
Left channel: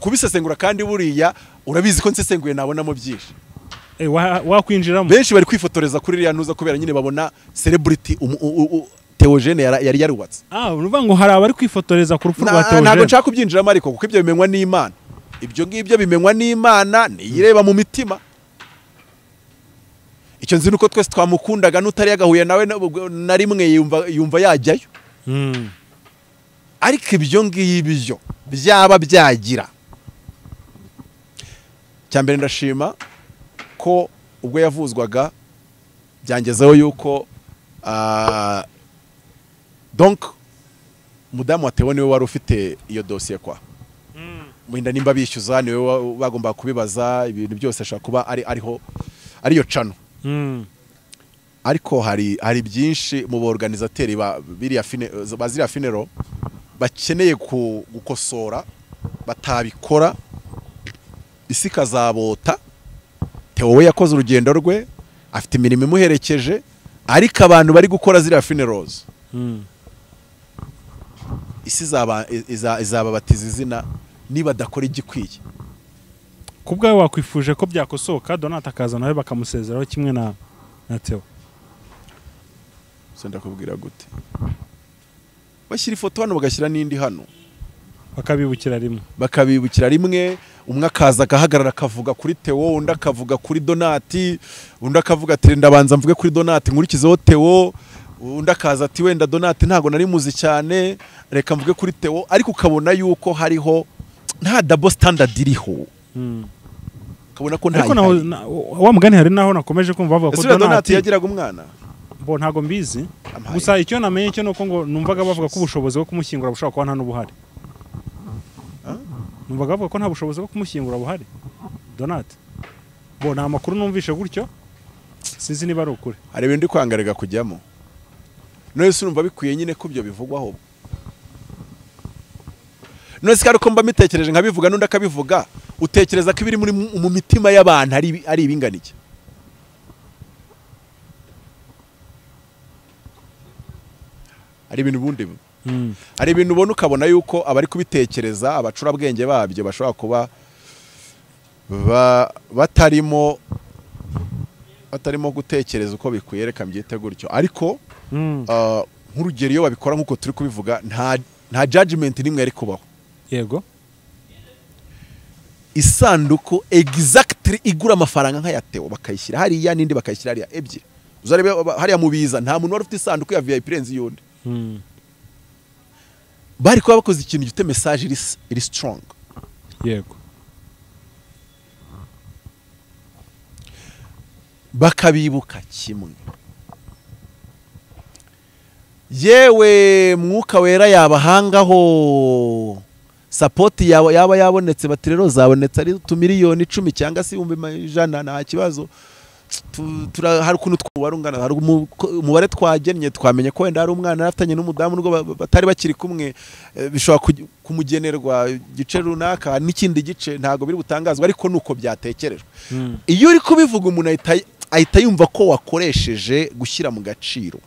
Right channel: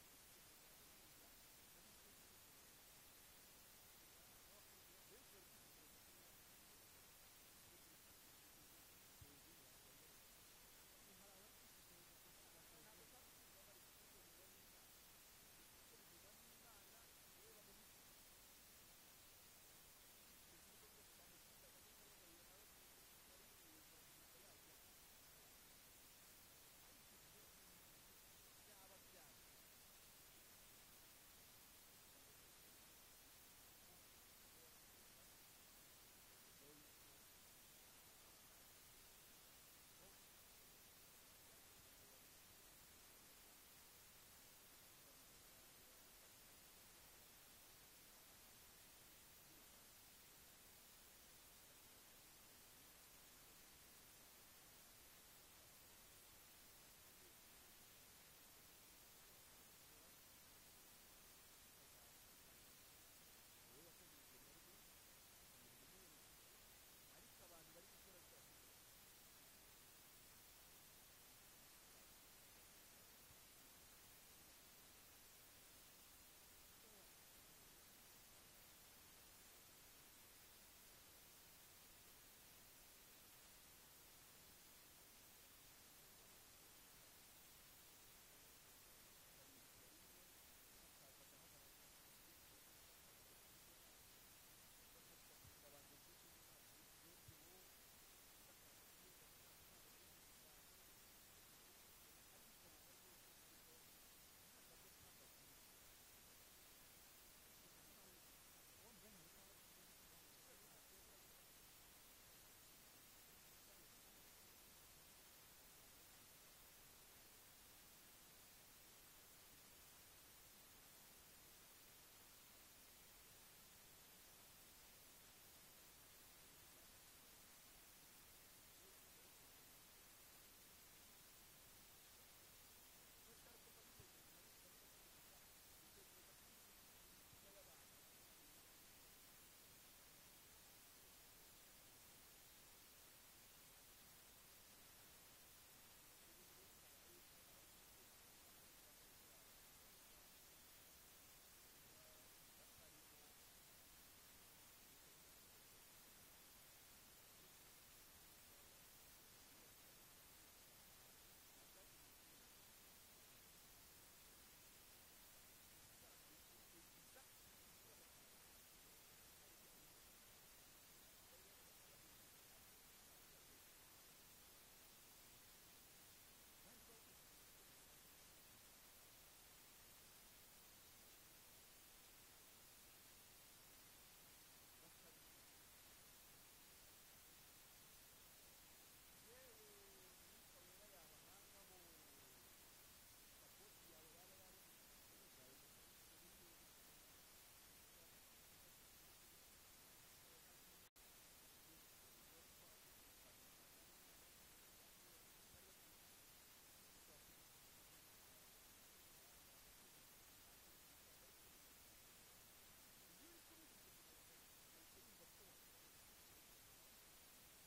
kubisesengura kandi buriya urabizi ko nsesenguye nabonamo byinshi. Wakwinjiramo. Benshi bari kwifotoreza kuri iriya ntuza kubera nyine babona celebrity Theogene yari yarubatse. Uruvuga ngo hari abari kwifotoreza ku rupfu rwa Theogene. Ntabwo nshaka kubyinjiramo ariko kuko ibyo bimenywa n'Imana. Ibyo ngibyo bimenywa n'Imana niyireba mu mitima. Icyo nzi nuko twese twamukundaga n'utari yagahuye nawe na rimwe yumva yajyayo. Ariko ibyo ngibyo byaba byagira. Cyambere ndashima ko ubwo yavuzwaga byangezeho yuko donc mudamu wa Theo niwe wari ufite iyo dossier kwa. Mwinda nimba bishyuza niwe bagomba kubibaza ibintu byose ashaka kuba ariyo cano. Ariko hari byinshi mu organizateri baziriya funeral bakeneye gukosora batabikora isi kazabota. Theo we yakoze urugendo rwe afite imirimo imuherekeje, ariko abantu bari gukora ziriya funerals isi izababatiza izina niba dakora igikwiye. Kubwawe wakwifuje ko byakosoka Donat akaza nawe bakamusezeraho kimwe na Theo. Senda kubwira gute bashyira ifoto hano bagashyira n'indi hano bakabibukira rimwe, umwe akaza agahagarara akavuga kuri Theo, undi akavuga kuri Donati, undi akavuga ati ndabanza mvuge kuri Donati nkurikizeho Theo, undi akaza ati wenda Donati ntago nari muzi cyane reka mvuge kuri Theo. Ariko ukabona yuko hariho nta double standard iriho. Ukabona ko nta wa mugani hari naho nakomeje kumva bavuga ko Donati yagiraga umwana. Bo ntago mbizi. Gusa icyo namenye cyo nuko ngo numvaga bavuga ko ubushobozi bwo kumushyingura bushobora kuba nta n'ubuhari. Numvaga bavuga ko nta bushobozi bwo kumushyingura buhari Donati. Bo nta makuru numvishe gutyo, sinzi niba ari ukuri. Hari ibindi kwangarega kujyamo. None se urumva bikwiye nyine ko byo bivugwaho. None se ko mba mitekereje nkabivuga n'undi akabivuga, utekereza ko ibiri mu mitima y'abantu ari ibinganike. Ari ibintu bundi. Hari ibintu ubona ukabona yuko abari kubitekereza abacurabwenge babyo bashobora kuba batarimo gutekereza uko bikwiye, reka mbyite gutyo. Ariko nk'urugero iyo babikora nk'uko turi kubivuga nta judgment nimwe ari kubaho. Yego. Isanduku exactly igura amafaranga nka ya Theo bakayishyira hariya n'indi bakayishyira hariya ebyiri. Uzarebe hariya mubiza nta muntu wari ufite isanduku ya VIP renzi yundi. Bari kuba bakoze ikintu gifite message iri strong. Yego. Bakabibuka kimwe. Yewe mwuka wera yabahangaho, support yaba yabonetse, bati rero zabonetse ari 2,000,000 10 cyangwa se 100,000 nta kibazo. Hari ukuntu twarungana, hari umubare twagennye twamenye ko wenda hari umwana afatanye n'umudamu nubwo batari bakiri kumwe, bishobora kumugenerwa igice runaka n'ikindi gice ntago biri butangazwa, ariko nuko byatekerejwe. Iyo uri kubivuga umuntu ahita yumva ko wakoresheje gushyira mu gaciro.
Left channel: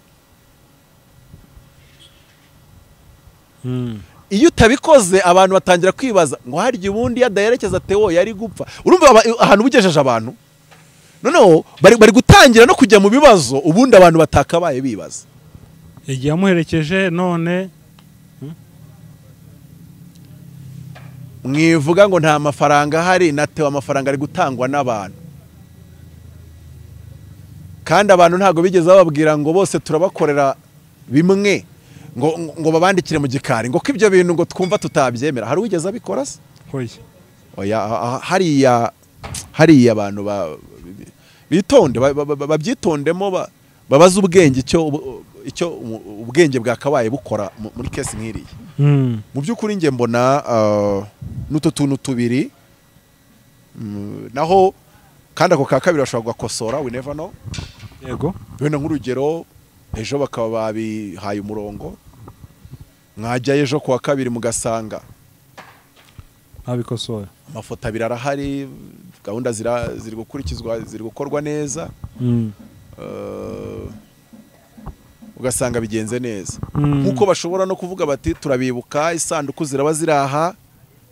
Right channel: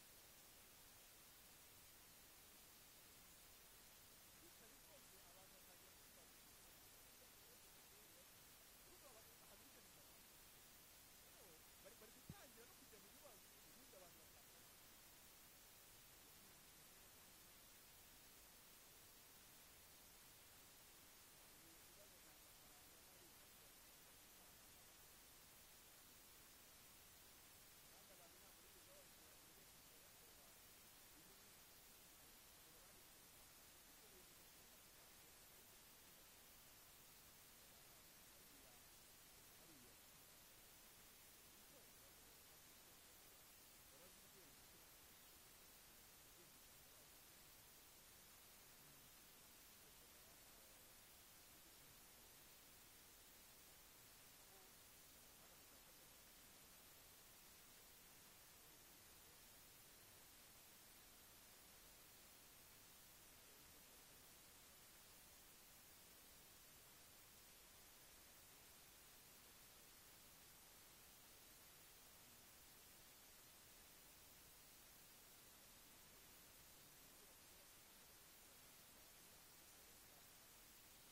Iyo utabikoze abantu batangira kwibaza ngo harya ubundi yadaherekeza Theo yari gupfa. Urumva ahantu bugejeje abantu noneho bari gutangira no kujya mu bibazo ubundi abantu batakabaye bibaza. Igihe yamuherekeje none mwivuga ngo nta mafaranga hari, na Theo amafaranga ari gutangwa n'abantu, kandi abantu ntago bigeze bababwira ngo bose turabakorera bimwe ngo babandikire mu gikari ngo ibyo bintu ngo twumva tutabyemera. Hari wigeze abikora se? Oya, hariya abantu bitonde babyitondemo, babaza ubwenge icyo ubwenge bwakabaye bukora muri kesi nk'iriya. Mu by'ukuri nge mbona n'utu tuntu tubiri naho kandi ako ka kabiri bashobora gukosora, we never know. yego Wenda nk'urugero ejo bakaba babihaye umurongo, mwajya ejo kuwa kabiri mugasanga abikosoye, amafoto abiri arahari, gahunda ziri gukurikizwa, ziri gukorwa neza, ugasanga bigenze neza. Nkuko bashobora no kuvuga bati turabibuka, isanduku ziraba ziraha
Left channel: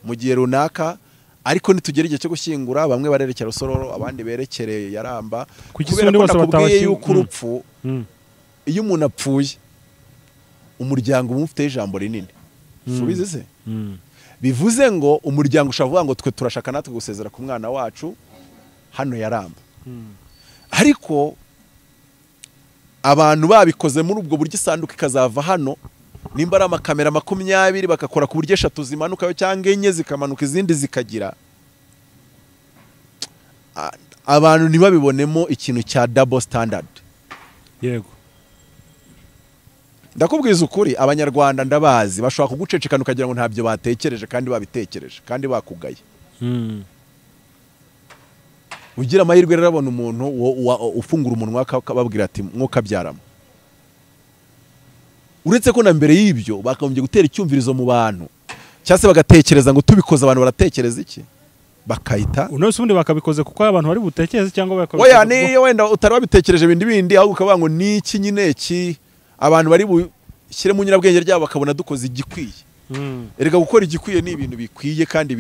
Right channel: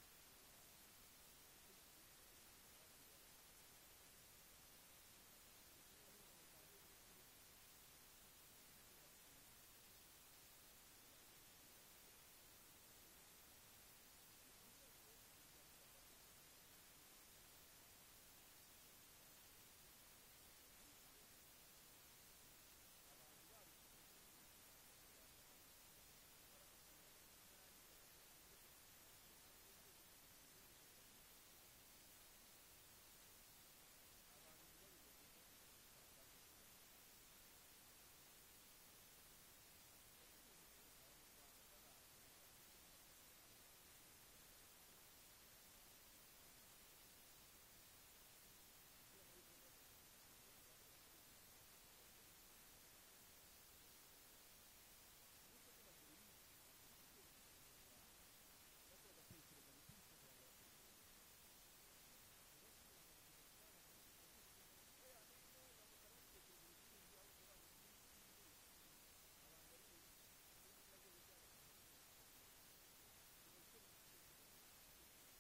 mu gihe runaka, ariko nitugera igihe cyo gushyingura bamwe barerekera Rusororo, abandi berekere Yaramba, kubera ko nakubwiye yuko urupfu, iyo umuntu apfuye umuryango umufite ijambo rinini. Subize se? Bivuze ngo umuryango ushavuga ngo twe turashaka natwe gusezera ku mwana wacu hano Yaramba. Ariko abantu babikoze muri ubwo buryo isanduku ikazava hano, nimba ari amakamera 20 bakakora ku buryo 3 zimanukayo cyangwa 4 zikamanuka izindi zikagira, abantu ntibabibonemo ikintu cya double standard. Yego. Ndakubwiza ukuri, abanyarwanda ndabazi bashobora kugucecekana ukagira ngo ntabyo batekereje kandi babitekereje kandi bakugaye. Ugira amahirwe rero abona umuntu ufungura umunwa akababwira ati mwokabyaramo. Uretse ko na mbere y'ibyo bakagombye gutera icyumvirizo mu bantu, cyase bagatekereza ngo tubikoze abantu baratekereza iki, bakayita unose ubundi bakabikoze kuko abantu bari butekereze cyangwa bakabikoze. Oya ni wenda utari wabitekereje bindi ahubwo ukavuga ngo niki nyine iki abantu bari bushyire mu nyirabwenge ryabo bakabona dukoze igikwiye. Erega gukora igikwiye ni ibintu bikwiye kandi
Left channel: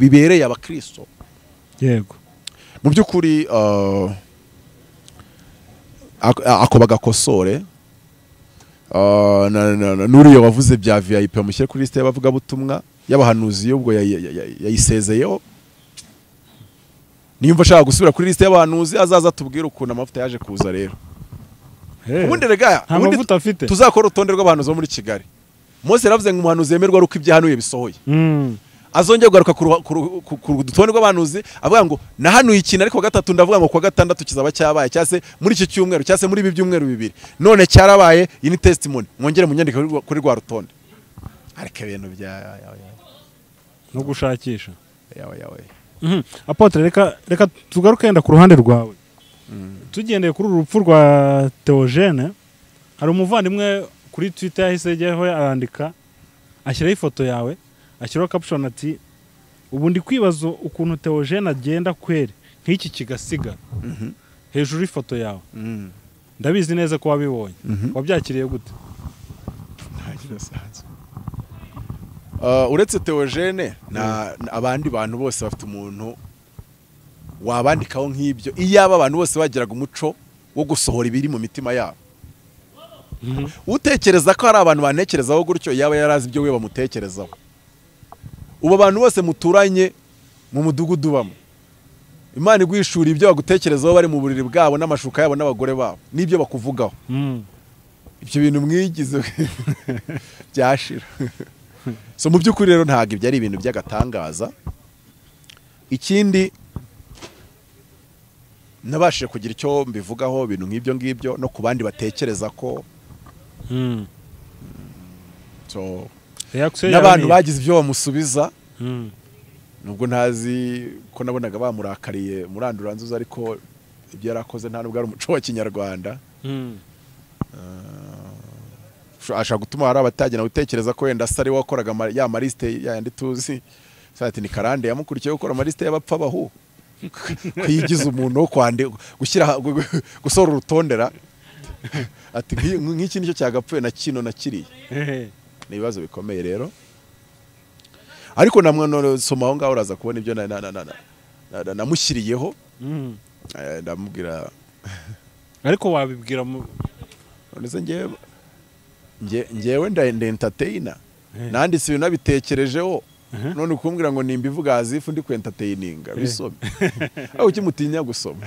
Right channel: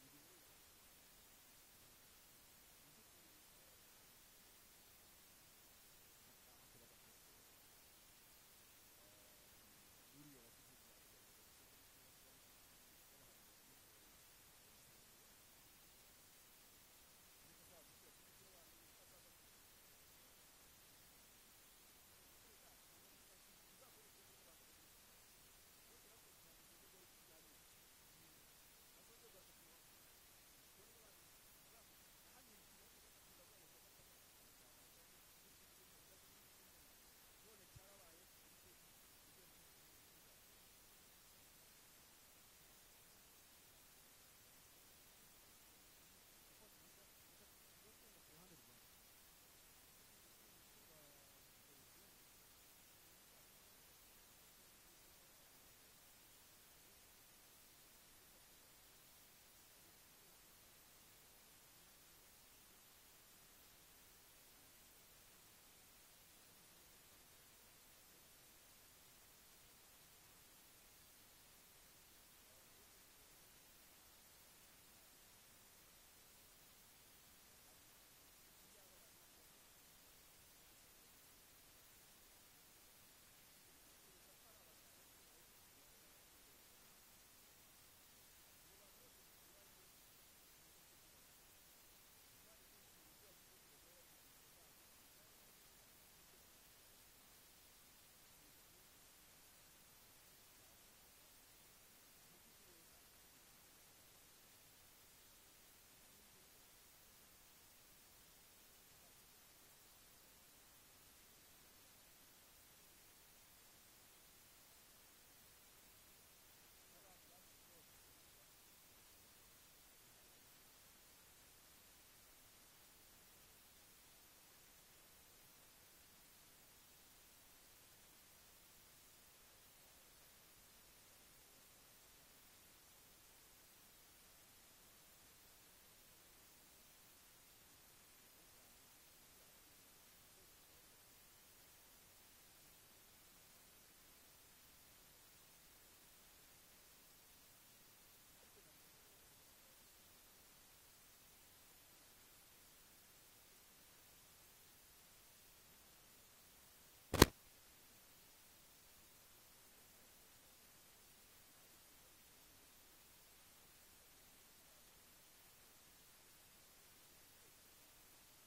bibereye abakristo. Yego. Mu by'ukuri ako bagakosore, nuriyo wavuze bya VIP bamushyire kuri liste y'abavuga butumwa y'abahanuzi, ubwo yayisezeyeho. Nimba ashaka gusubira kuri liste y'abahanuzi azaza tubwire ukuntu amavuta yaje kuza rero. Ubundi rega amavuta afite tuzakora urutonde rw'abahanuzi bo muri Kigali. Mose yaravuze ngo umuhanuzi yemerwa ruko ibyahanuye bisohoye. Azongera kugaruka ku rutonde rw'abahanuzi avuga ngo nahanuye ikintu, ariko gatatu ndavuga ngo kwa gatandatu kizaba cyabaye, cyase muri iki cyumweru, cyase muri ibi byumweru bibiri, none cyarabaye. Iyi ni testimony, mwongere munyandika kuri rwa rutonde. Ariko ibintu bya no gushakisha Apotre, reka tugaruke yenda ku ruhande rwawe. Tugendeye kuri urupfu rwa Theogene, hari umuvandimwe kuri Twitter yahise ajyaho arandika, ashyiraho ifoto yawe, ashyiraho caption ati ubundi kwibazo ukuntu Theogene agenda kwere nk'iki kigasiga hejuru ifoto yawe. Ndabizi neza ko wabibonye, wabyakiriye gute? Uretse Theogene abandi bantu bose bafite umuntu wabandikaho nk'ibyo, iyaba abantu bose bagiraga umuco wo gusohora ibiri mu mitima yabo. Utekereza ko hari abantu banekerezaho gutyo, yaba yarazi ibyo we bamutekerezaho. Ubu abantu bose muturanye mu mudugudu bamo, Imana igwishura ibyo bagutekerezaho bari mu buriri bwabo n'amashuka yabo n'abagore babo n'ibyo bakuvugaho. Ibyo bintu mwigize byashira. So mu by'ukuri rero ntabwo ibyo ari ibintu by'agatangaza. Ikindi nabashije kugira icyo mbivugaho ibintu nk'ibyo ngibyo no ku bandi batekereza ko so n'abantu bagize ibyo bamusubiza, nubwo ntazi ko nabonaga bamurakariye muranduranzuza, ariko ibyo yarakoze nta nubwo ari umuco wa Kinyarwanda. Ashaka gutuma hari abatagena gutekereza ko wenda sari wakoraga ya mariste yandi tuzi, sati ni karande yamukurikiye gukora mariste y'abapfa bahu kwigiza umuntu wo kwande gushyira gusora urutondera ati nk'iki nicyo cyagapfuye na kino na kiriye. Ni ibibazo bikomeye rero, ariko namwe soma aho ngaho uraza kubona ibyo namushyiriyeho. Ndamubwira ariko wabibwira none ngewe nda entertainer, nanditse ibintu nabitekerejeho, none ukumbwira ngo nimbivuga azifu ndi ku entertaininga bisome. Aho ukimutinya gusoma?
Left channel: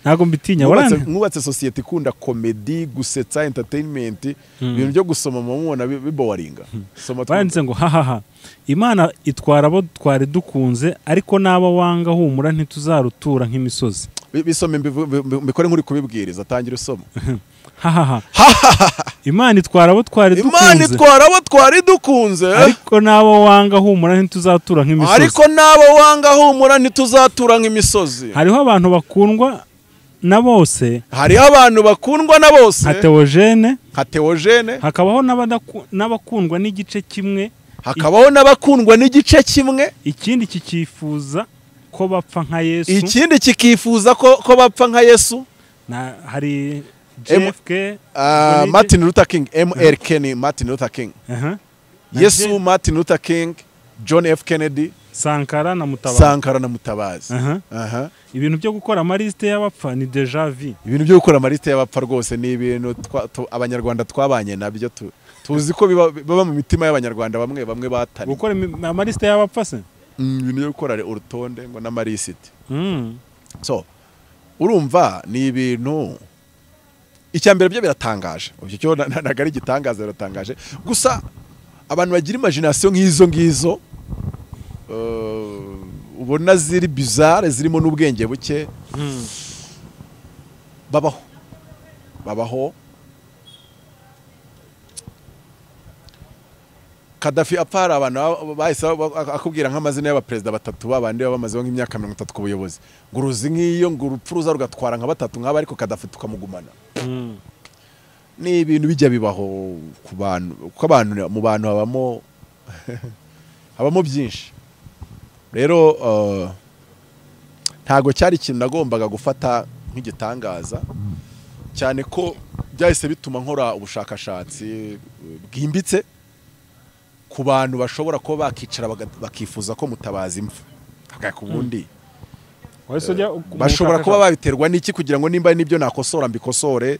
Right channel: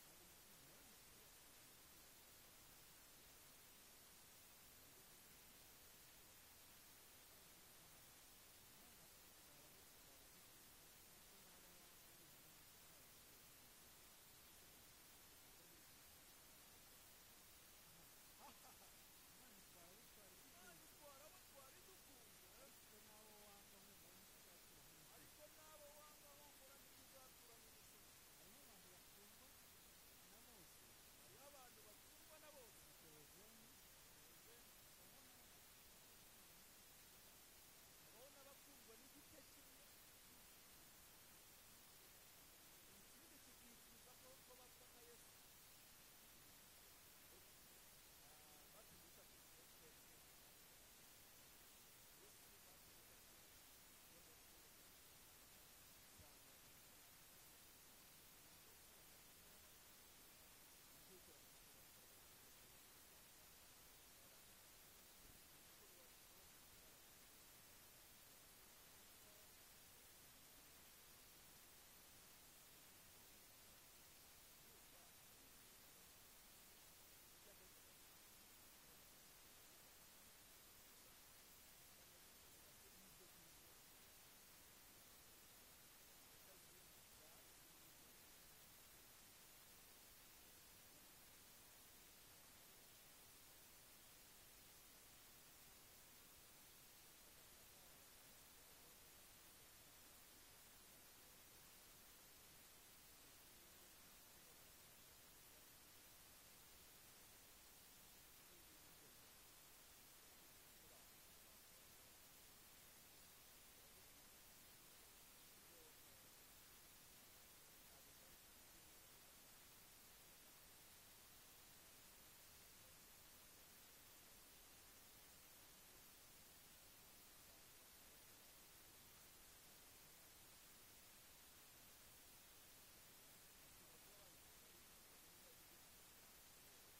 Ntago mbitinya. Mwubatse society ikunda comedy, gusetsa, entertainment, ibintu byo gusoma mumubona biboringa. Soma twanditse ngo hahaha Imana itwara abo twari dukunze, ariko naba wanga humura ntituzarutura nk'imisozi. bisome mbikore nk'uri kubibwiriza atangira usoma. Imana itwara abo twari dukunze. Imana itwara abo twari dukunze. Ariko nabo wanga humura ntituzatura nk'imisozi. Ariko nabo wanga humura ntituzatura nk'imisozi. Hariho abantu bakundwa na bose. Hariho abantu bakundwa na bose. Nka Theogene. Hakabaho n'abakundwa n'igice kimwe. Hakabaho n'abakundwa n'igice kimwe. Ikindi kikifuza ko bapfa nka Yesu. Ikindi kikifuza ko bapfa nka Yesu. Hari JFK, Martin Luther King, MLK ni Martin Luther King. Yesu, Martin Luther King, John F Kennedy, Sankara na Mutabazi. Ibintu byo gukora amaliste y'abapfa ni deja vu. Ibintu byo gukora amaliste y'abapfa rwose ni ibintu abanyarwanda twabanye nabyo tuzi ko baba mu mitima y'abanyarwanda bamwe batari. Gukora amaliste y'abapfa se? Ibintu byo gukora urutonde ngo n'amalisiti. So urumva ni ibintu icyambere byo biratangaje. Ubyo cyo nagari gitangaza biratangaje. Gusa abantu bagira imagination nk'izo ubona ziri bizarre zirimo n'ubwenge buke babaho. Kadafi apara abantu bahise akubwira nk'amazina y'abaperezida batatu babandi bamaze nk'imyaka 30 ku buyobozi. Nguruzi nk'iyo ngurupfu ruza rugatwara nka batatu nk'aba ariko Kadafi tukamugumana. Ni ibintu bijya bibaho ku bantu kuko abantu mu bantu habamo byinshi. Rero ntago cyari ikintu nagombaga gufata nk'igitangaza cyane ko byahise bituma nkora ubushakashatsi bwimbitse ku bantu bashobora kuba bakicara bakifuza ko Mutabazi impfa kubundi bashobora kuba babiterwa n'iki kugira ngo nimba nibyo nakosora mbikosore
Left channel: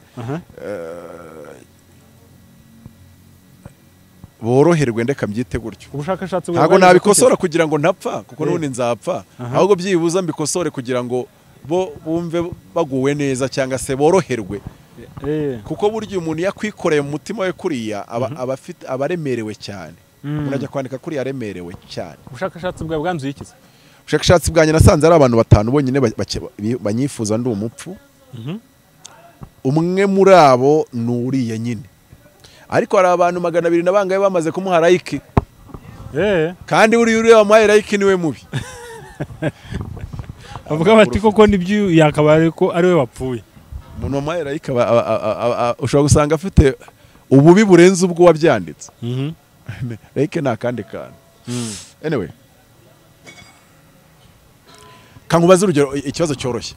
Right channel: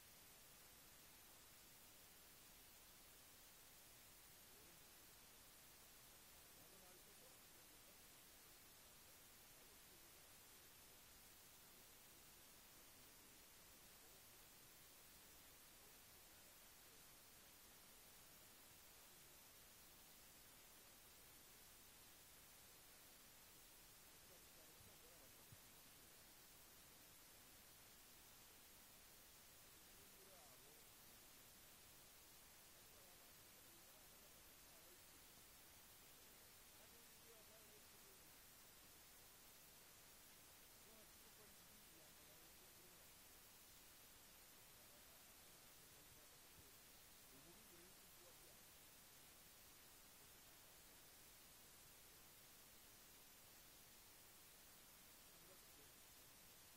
boroherwe ndeka mbyite gutyo. Ubushakashatsi ntago nabikosora kugira ngo ntapfa kuko nubundi nzapfa ahubwo byibuza mbikosore kugira ngo bo bumve baguwe neza cyangwa se boroherwe kuko buryo umuntu yakwikoreye mu mutima we kuriya abaremerewe cyane. Unajya kwandika kuri yaremerewe cyane. Ubushakashatsi bwa bwanzuye iki? Ubushakashatsi bwanjye nasanze ari abantu 5 bonyine banyifuza ndi umupfu. Umwe muri abo nuriye nyine. Ariko hari abantu 200 nabangaye bamaze kumuha like. Kandi uri wamuhaye like niwe mubi. Avuga bati koko nibyo yakabare ko ari we wapfuye. Umuntu wamuhaye like ushobora gusanga afite ububi burenze ubwo wabyanditse. Like nta kandi kantu. Anyway. Kankubaza urugero ikibazo cyoroshye.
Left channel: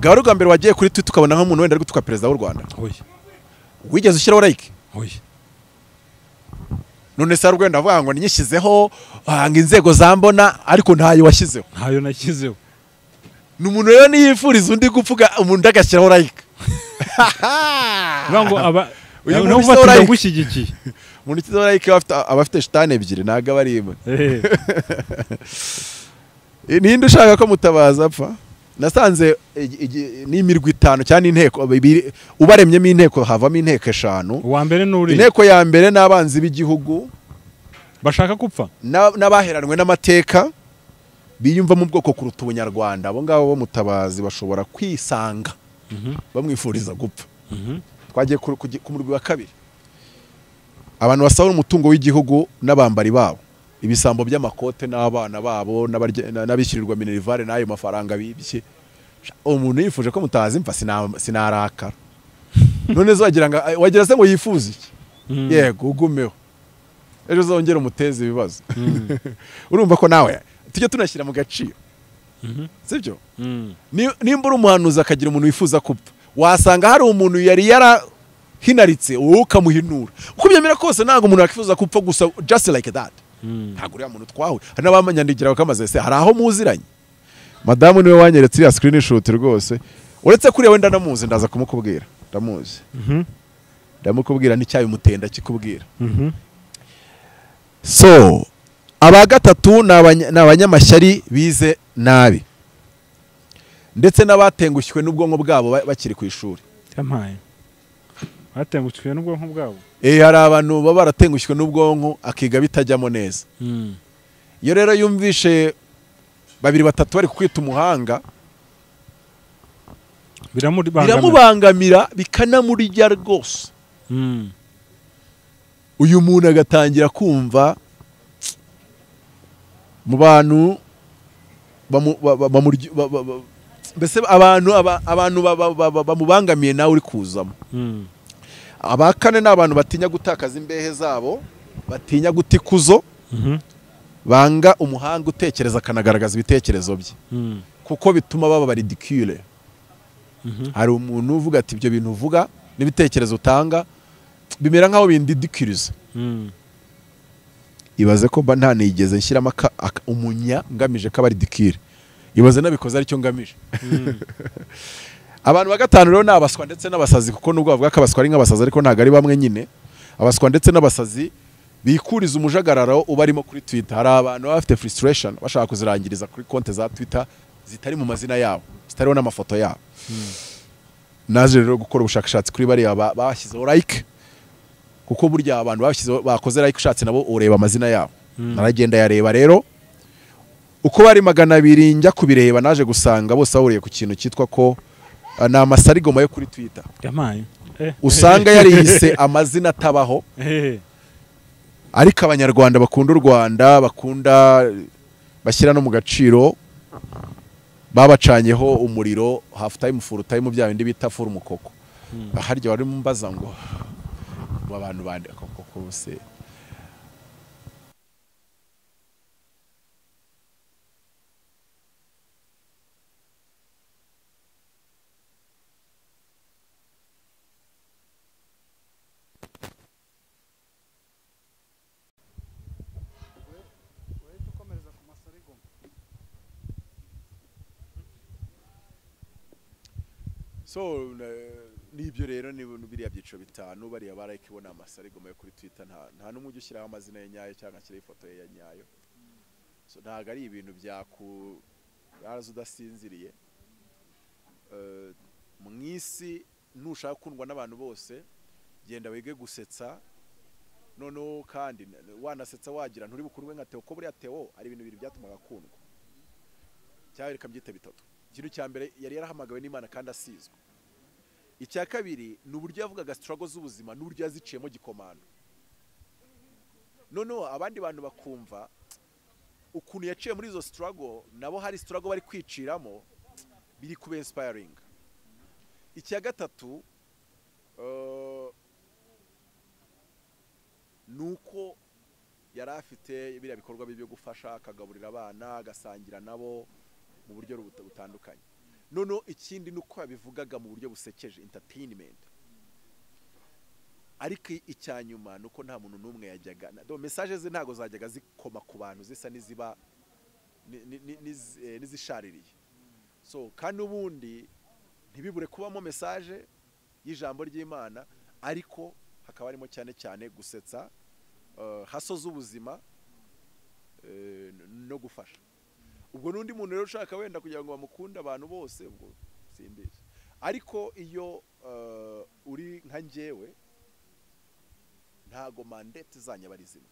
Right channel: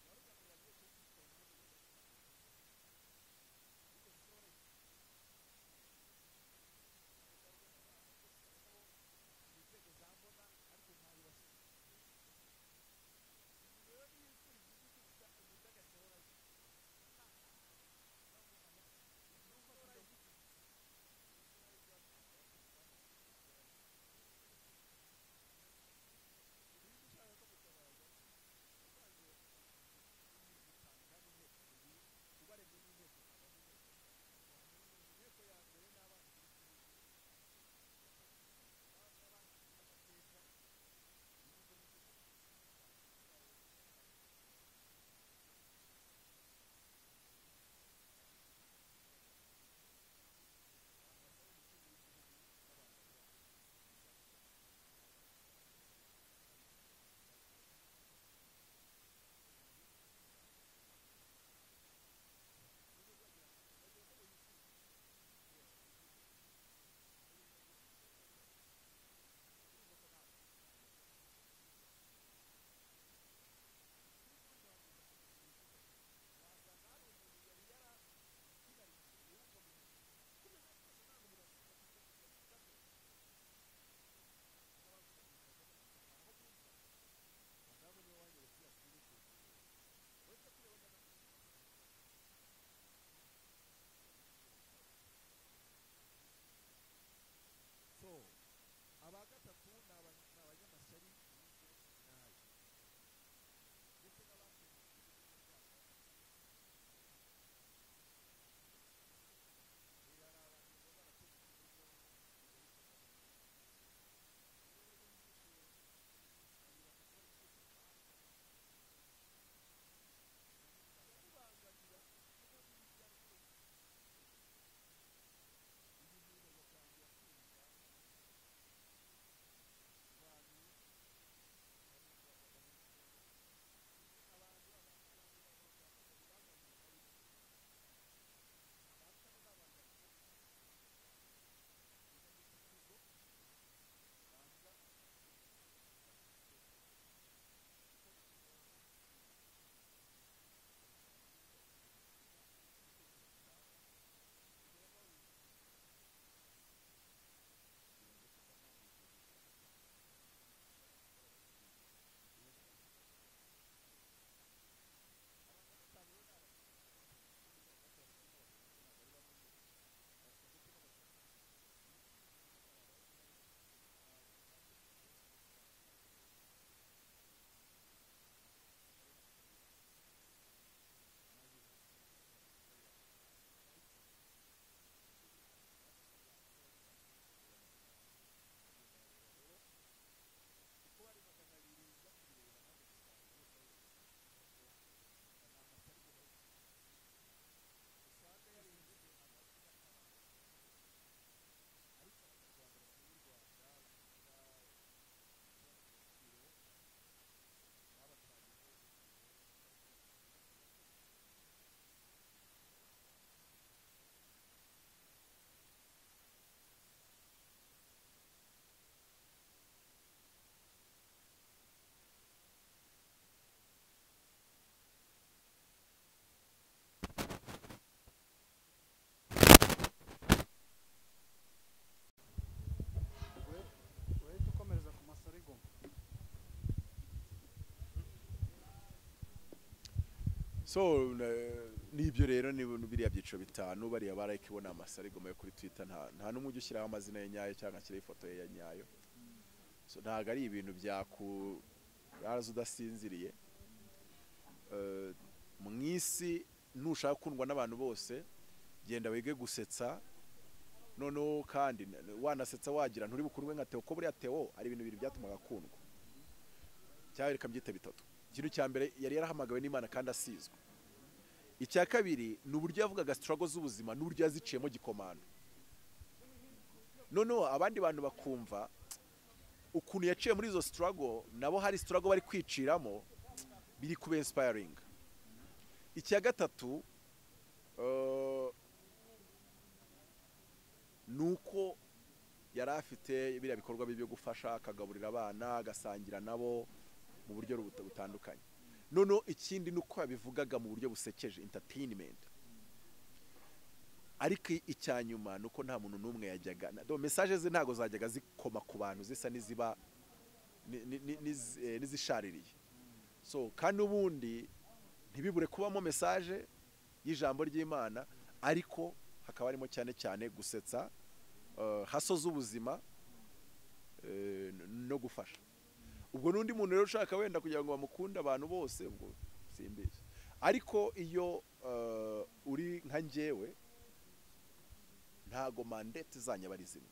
Garuga mbere wagiye kuri Twitter ukabona nk'umuntu wenda ari gutuka perezida w'u Rwanda. Wigeze ushyiraho like? None se Rwanda avuga ngo ninyishyizeho ngo inzego zambona ariko ntayo washyizeho. Ntayo nashyizeho. N'umuntu rero niyifuriza undi gupfuga umuntu agashyiraho like. Ngo uyu muntu ufata gushyigikiye. Umuntu ushyizeho like abafite shitani ebyiri naga barimo. Ninde ushaka ko Mutabazi apfa? Nasanze n'imirwi 5 cyane inteko ubaremyemo inteko havamo inteko 5. Uwa mbere nuri. Inteko ya mbere n'abanzi b'igihugu bashaka gupfa. N'abaheranwe n'amateka biyumva mu bwoko kuruta ubunyarwanda. Abo ngabo bo Mutabazi bashobora kwisanga bamwifuriza gupfa. Twagiye ku murwi wa kabiri. Abantu basaba umutungo w'igihugu n'abambari babo. Ibisambo by'amakote n'abana babo n'abishyirirwa minerivare n'ayo mafaranga bibye. Umuntu yifuje ko Mutabazi impfa sinarakara. None wagira se ngo yifuze iki? Yego ugumeho. Ejo zongera umuteze ibibazo. Urumva ko nawe tujye tunashyira mu gaciro. Sibyo? Nimba uri umuhanuzi akagira umuntu wifuza kupfa, wasanga hari umuntu yari yarahinaritse wowe ukamuhinura. Uko byemera kose ntago umuntu yakifuza kupfa gusa just like that. Ntago uriya muntu twawe. Hari n'abamanyandikira bakamaze se hari aho muziranye. Madamu niwe wanyeretse ya screenshot rwose. Uretse kuri wenda ndamuzi ndaza kumukubwira. Ndamuzi. Ndamukubwira n'icyayi mutenda kikubwira. So aba gatatu n'abanyamashyari bize nabi ndetse n'abatengushywe n'ubwonko bwabo bakiri ku ishuri. Yamaye batengushywe n'ubwonko bwabo. Hari abantu baba baratengushywe n'ubwonko akiga bitajyamo neza. Iyo rero yumvishe 2-3 bari kukwita umuhanga biramubangamira bikanamurya rwose. Uyu muntu agatangira kumva mu bantu mbese abantu bamubangamiye nawe uri kuzamo. Abakane ni abantu batinya gutakaza imbehe zabo, batinya guta ikuzo, banga umuhanga utekereza akanagaragaza ibitekerezo bye, kuko bituma baba ridicule. Hari umuntu uvuga ati ibyo bintu uvuga n'ibitekerezo utanga bimera nkaho bindidikiriza. Ibaze ko mba ntanigeze nshyiramo umunya ngamije ko aba ridicule. Ibaze nabikoze aricyo ngamije. Abantu ba gatanu rero ni abaswa ndetse n'abasazi, kuko nubwo bavuga ko abaswa ari nk'abasazi ariko ntabwo ari bamwe nyine. Abaswa ndetse n'abasazi bikuriza umujagararo ubarimo kuri Twitter. Hari abantu baba bafite frustration bashaka kuzirangiriza kuri konti za Twitter zitari mu mazina yabo, zitariho n'amafoto yabo. Naje rero gukora ubushakashatsi kuri bariya bashyizeho like, kuko burya abantu bakoze like ushatse nabo ureba amazina yabo. Naragenda yareba rero uko bari 200 njya kubireba, naje gusanga bose bahuriye ku kintu cyitwa ko ni amasarigoma yo kuri Twitter. Usanga yarihise amazina atabaho. Ariko abanyarwanda bakunda u Rwanda, bakunda bashyira no mu gaciro, babacanyeho umuriro half time full time bya bindi bita full mukoko. Harya wari mumbaza ngo abantu bandi akoko bose. So nibyo rero ni biriya byiciro bitanu bariya barayikibona amasarigoma yo kuri Twitter, nta numwe ujya ushyiraho amazina ye nyayo cyangwa ashyiraho ifoto ye ya nyayo. So ntabwo ari ibintu baraza udasinziriye. Mu isi nushaka kundwa n'abantu bose, genda wige gusetsa, noneho kandi wanasetsa wagira nturi bukurwe nka Theo, ko buriya Theo ari ibintu bibiri byatumaga akundwa cyangwa reka byite bitatu. Ikintu cya mbere yari yarahamagawe n'Imana kandi asizwe. Icya kabiri ni uburyo yavugaga struggle z'ubuzima n'uburyo yaziciyemo gikomando. Noneho abandi bantu bakumva ukuntu yaciye muri izo struggle, nabo hari struggle bari kwiciramo, biri kuba inspiring. Icya gatatu nuko yari afite biriya bikorwa byo gufasha, akagaburira abana, agasangira nabo mu buryo butandukanye. Noneho ikindi nuko yabivugaga mu buryo busekeje, entertainment. Ariko icyanyuma nuko nta muntu numwe yajyaga, message ze ntago zajyaga zikoma ku bantu zisa niziba nizishaririye. So kandi ubundi ntibibure kubamo message y'ijambo ry'Imana, ariko hakaba harimo cyane cyane gusetsa, hasoza ubuzima no gufasha. Ubwo nundi muntu rero ushaka wenda kugira ngo bamukunde abantu bose, ubwo simbizi. Ariko iyo uri nka njyewe ntago mandate zanya bari zimwe.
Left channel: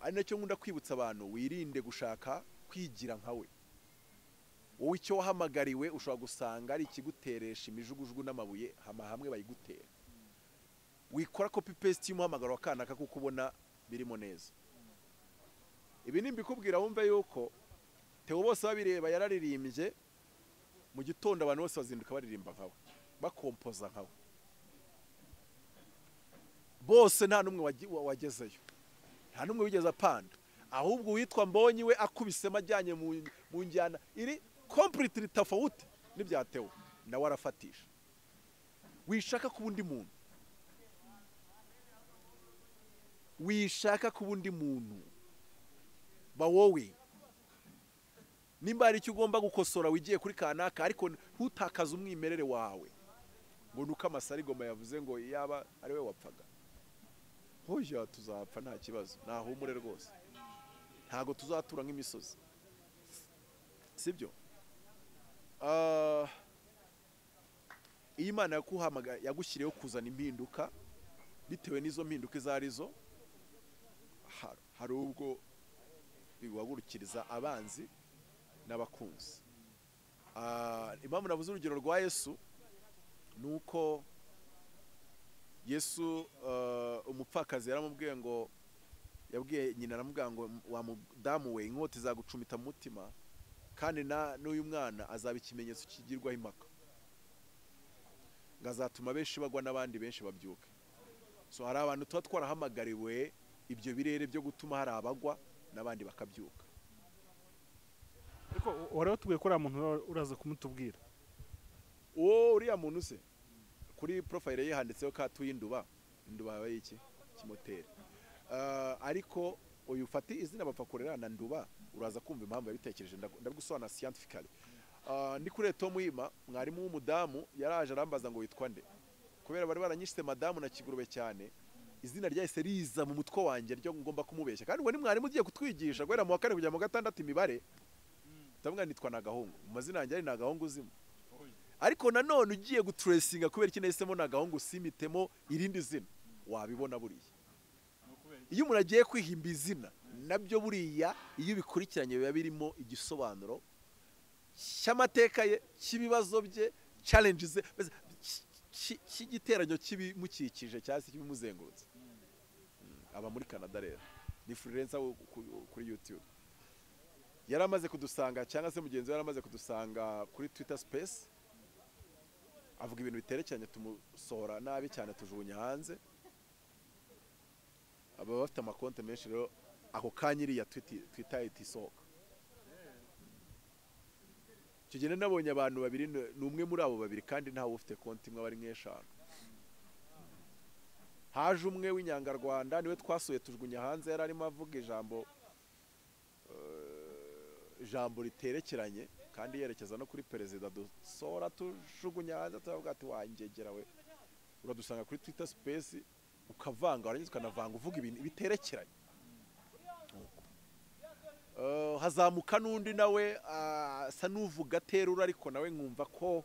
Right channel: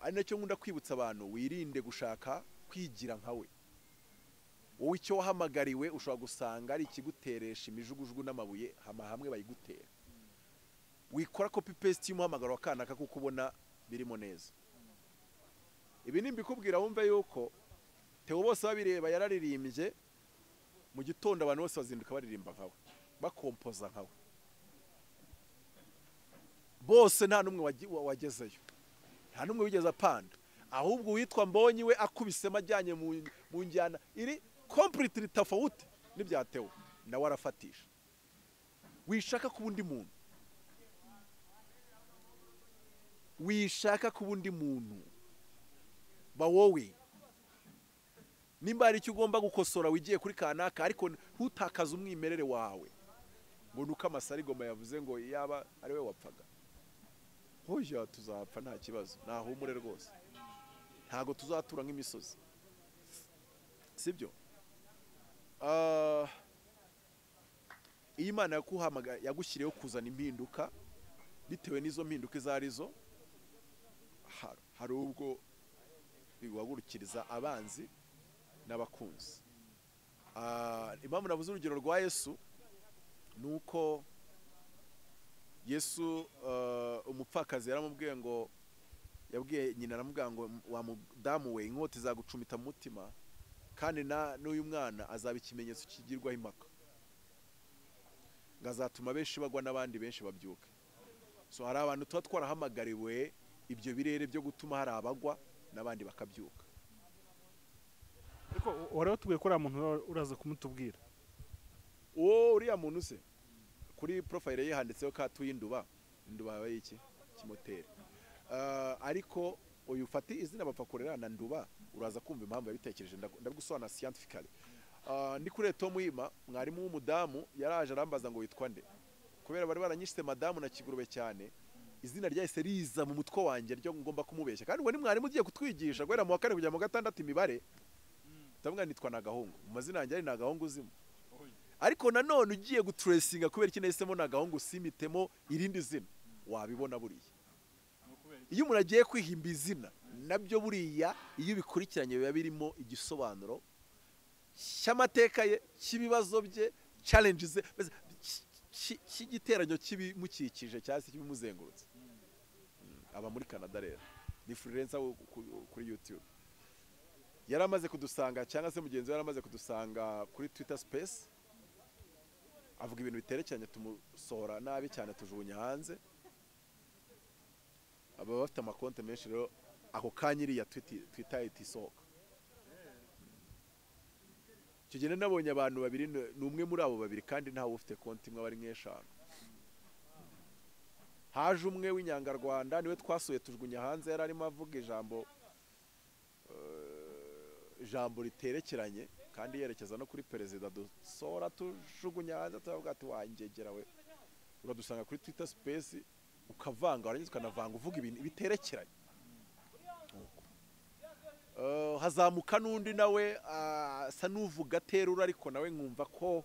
Ari nacyo nkunda kwibutsa abantu, wirinde gushaka kwigira nkawe. Wowe icyo wahamagariwe ushobora gusanga ari ikiguteresha imijugujugu n'amabuye hamwe bayigutera. Wikora copy paste y'umuhamagaro wa kanaka kuko ubona birimo neza. Ibi nimbikubwira wumve yuko Theo bose babireba yararirimbye mu gitondo, abantu bose bazinduka baririmba nkawe, bakompoza nkawe. Bose nta numwe wagezeyo, nta numwe wigeze apanda, ahubwo witwa Mbonyi we akubisema ajyanye mu njyana iri completely tofauti n'ibya Theo, nawe arafatisha. Wishaka ku bundi muntu, wishaka ku bundi muntu, ba wowe nimba ari icyo ugomba gukosora wigiye kuri kanaka, ariko ntutakaze umwimerere wawe ngo nuko amasarigoma yavuze ngo yaba ari we wapfaga. Hoya tuzapfa nta kibazo, nahumure rwose, ntago tuzatura nk'imisozi, sibyo? Imana yakuhamagaye, yagushyiriyeho kuzana impinduka, bitewe n'izo mpinduka izarizo. Hari ubwo biguhagurukiriza abanzi n'abakunzi. impamvu navuze urugero rwa Yesu ni uko Yesu umupfakazi yaramubwiye ngo yabwiye nyina aramubwira ngo wa mudamu we inkota izagucumita mu mutima kandi n'uyu mwana azaba ikimenyetso kigirwaho impaka ngazatuma benshi bagwa n'abandi benshi babyuke. So hari abantu tuba twarahamagariwe ibyo birere byo gutuma hari abagwa n'abandi bakabyuka. Ariko wari watubwiye ko uriya muntu uraza kumutubwira uriya muntu se kuri profile ye handitseho ko atuye induba yabaye iki kimoteri. Ariko uyu ufati izina bapfa kurera na nduba uraza kumva impamvu yabitekereje ndabigusobanura scientifically. Ndi kuri Tom Yima mwarimu w'umudamu yaraje arambaza ngo witwa nde kubera bari baranyishite madamu na kigurube cyane izina ryahise riza mu mutwe wanjye ryo ngomba kumubeshya kandi we ni mwarimu ugiye kutwigisha guhera mu wa kane kujya mu gatandatu imibare ndavuga nitwa Nagahungu mu mazina yanjye ari Nagahungu uzima ariko nanone ugiye gutracinga kubera iki nahisemo Nagahungu simitemo irindi zina wabibona buriya iyo umuntu agiye kwihimba izina nabyo buriya iyo bikurikiranye biba birimo igisobanuro cy'amateka ye cy'ibibazo bye challenges cy'igiteranyo kibimukikije cyangwa se kibimuzengurutse. Aba muri Canada rero ni freelancer kuri YouTube yaramaze kudusanga cyangwa se mugenzi we yaramaze kudusanga kuri Twitter space avuga ibintu biterekeranye tumusohora nabi cyane tujugunya hanze aba bafite amakonte menshi rero ako kanyiri ya Twitter itisohoka. Kigene nabonye abantu babiri numwe muri abo babiri kandi ntawe ufite konti imwe bari nk'eshanu. Haje umwe w'inyangarwanda niwe twasuye tujugunya hanze yari arimo avuga ijambo riterekeranye kandi yerekeza no kuri perezida dusora tujugunya hanze tuvuga ati wangegera we uradusanga kuri Twitter space ukavanga warangiza ukanavanga uvuga ibintu biterekeranye. Hazamuka n'undi nawe asa n'uvuga terura ariko nawe nkumva ko